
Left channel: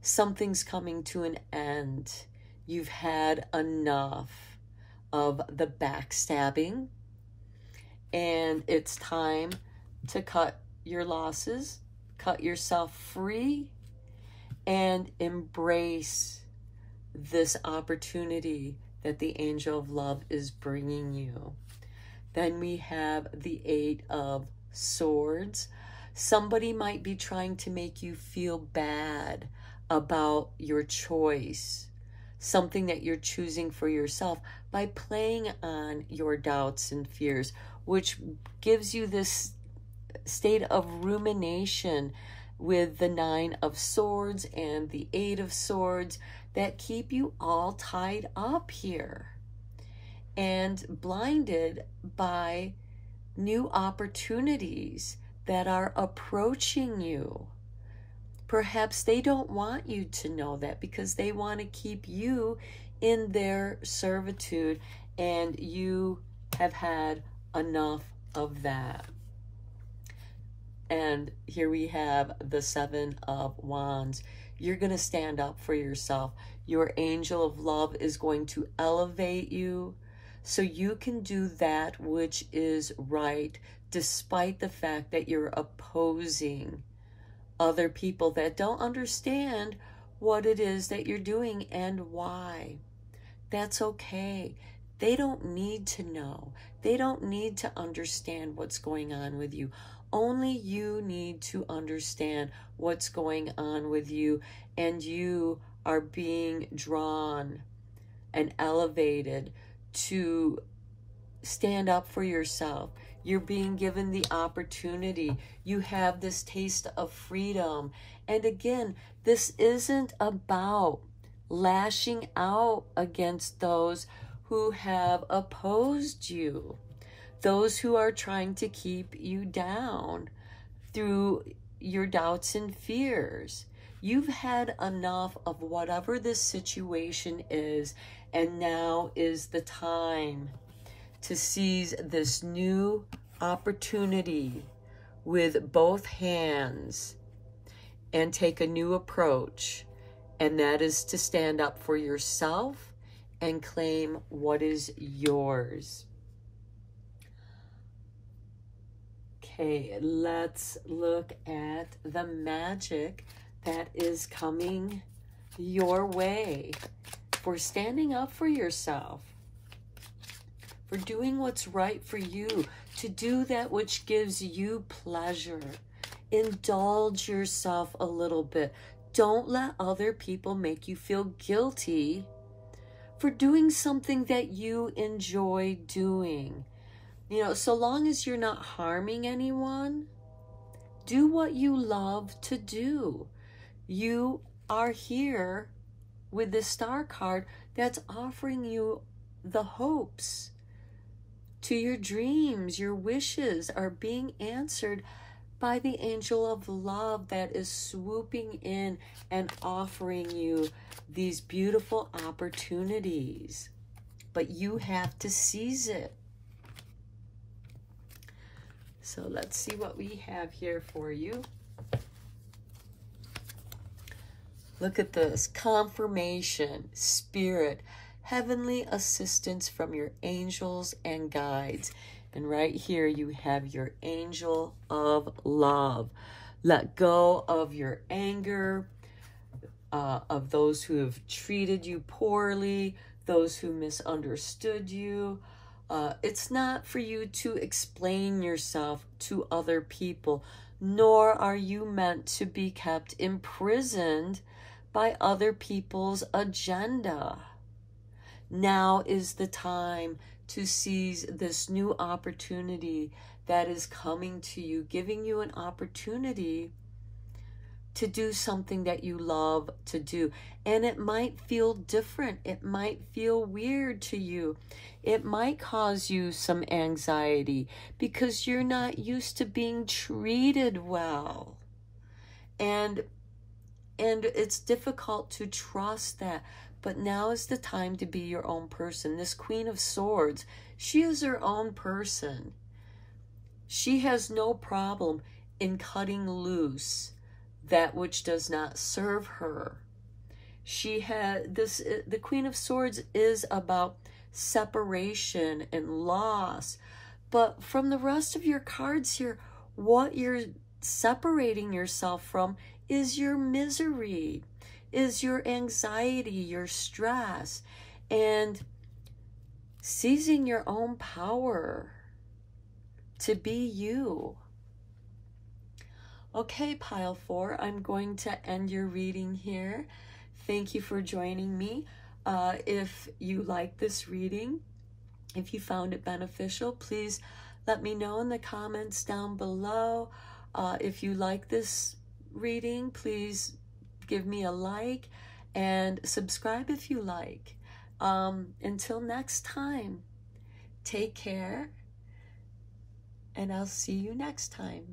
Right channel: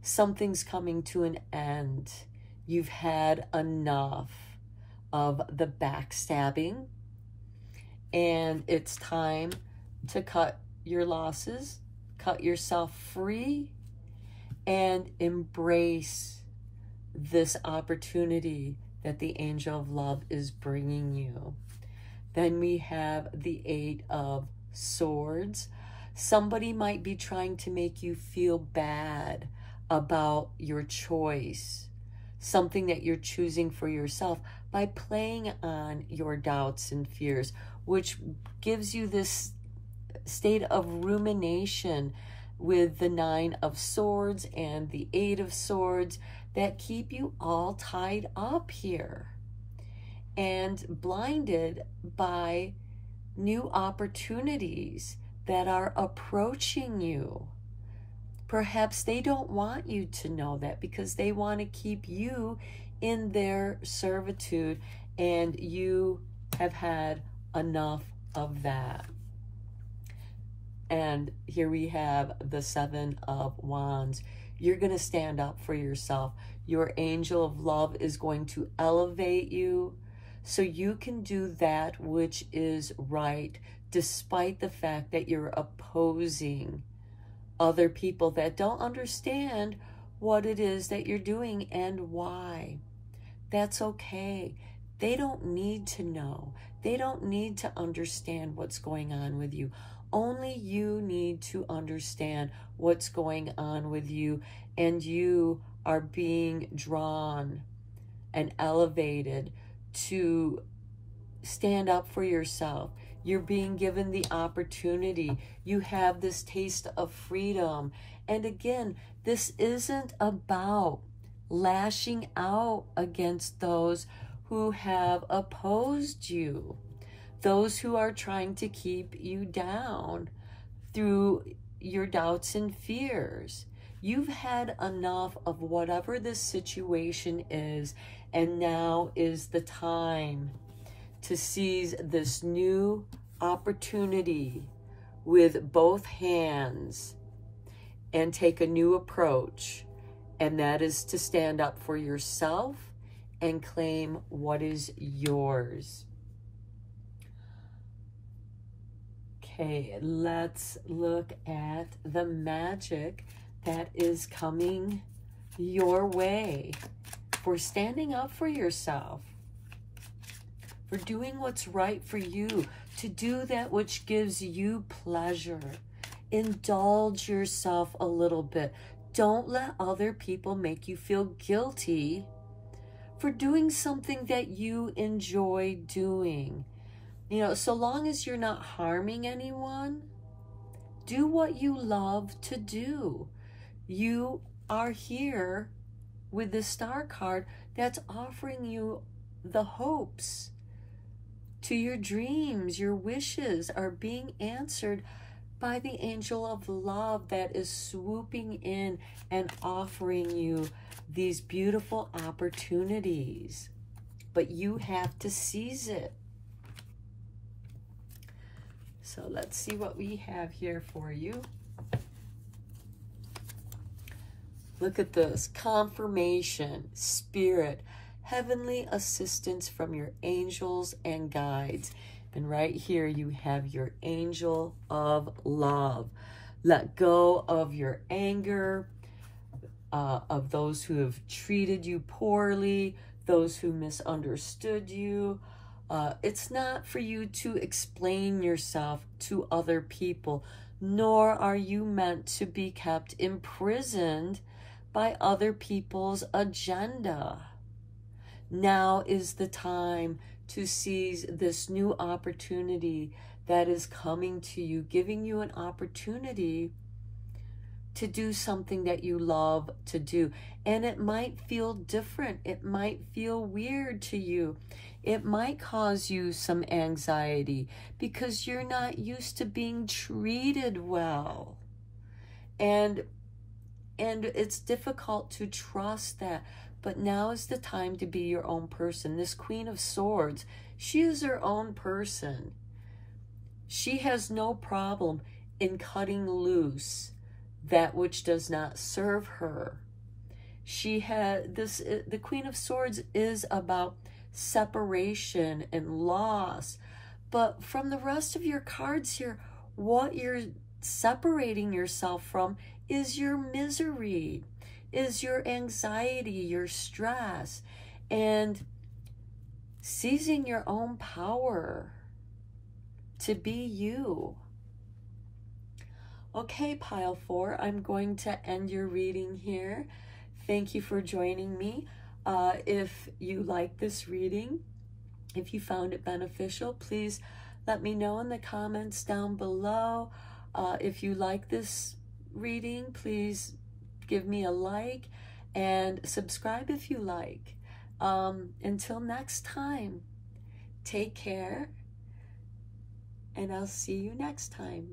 Something's coming to an end. You've had enough of the backstabbing, and it's time to cut your losses, cut yourself free, and embrace this opportunity that the angel of love is bringing you. Then we have the Eight of Swords. Somebody might be trying to make you feel bad about your choice, something that you're choosing for yourself, by playing on your doubts and fears, which gives you this state of rumination with the Nine of Swords and the Eight of Swords that keep you all tied up here and blinded by new opportunities that are approaching you. Perhaps they don't want you to know that because they want to keep you in their servitude, and you have had enough of that. And here we have the Seven of Wands. You're going to stand up for yourself. Your angel of love is going to elevate you so you can do that which is right, despite the fact that you're opposing other people that don't understand what it is that you're doing and why. That's okay. They don't need to know. They don't need to understand what's going on with you. Only you need to understand what's going on with you, and you are being drawn and elevated to stand up for yourself. You're being given the opportunity. You have this taste of freedom. And again, this isn't about lashing out against those who have opposed you, those who are trying to keep you down through your doubts and fears. You've had enough of whatever this situation is, and now is the time to seize this new opportunity with both hands and take a new approach, and that is to stand up for yourself and claim what is yours. Okay, let's look at the magic that is coming your way for standing up for yourself, for doing what's right for you, to do that which gives you pleasure. Indulge yourself a little bit. Don't let other people make you feel guilty for doing something that you enjoy doing. You know, so long as you're not harming anyone, do what you love to do. You are here with the Star card that's offering you the hopes to your dreams. Your wishes are being answered by the angel of love that is swooping in and offering you these beautiful opportunities. but you have to seize it. So let's see what we have here for you. Look at this. Confirmation, spirit, heavenly assistance from your angels and guides. And right here you have your angel of love. Let go of your anger, of those who have treated you poorly, those who misunderstood you. It's not for you to explain yourself to other people, nor are you meant to be kept imprisoned by other people's agenda. Now is the time to seize this new opportunity that is coming to you, giving you an opportunity to do something that you love to do. And it might feel different. It might feel weird to you. It might cause you some anxiety because you're not used to being treated well. And it's difficult to trust that. But now is the time to be your own person. This Queen of Swords, she is her own person. She has no problem in cutting loose that which does not serve her. She had this, the Queen of Swords is about separation and loss. But from the rest of your cards here, what you're separating yourself from is your misery, is your anxiety, your stress, and seizing your own power to be you. Okay, pile 4, I'm going to end your reading here. Thank you for joining me. If you like this reading, if you found it beneficial, please let me know in the comments down below. If you like this reading, please give me a like and subscribe if you like. Until next time, take care, and I'll see you next time.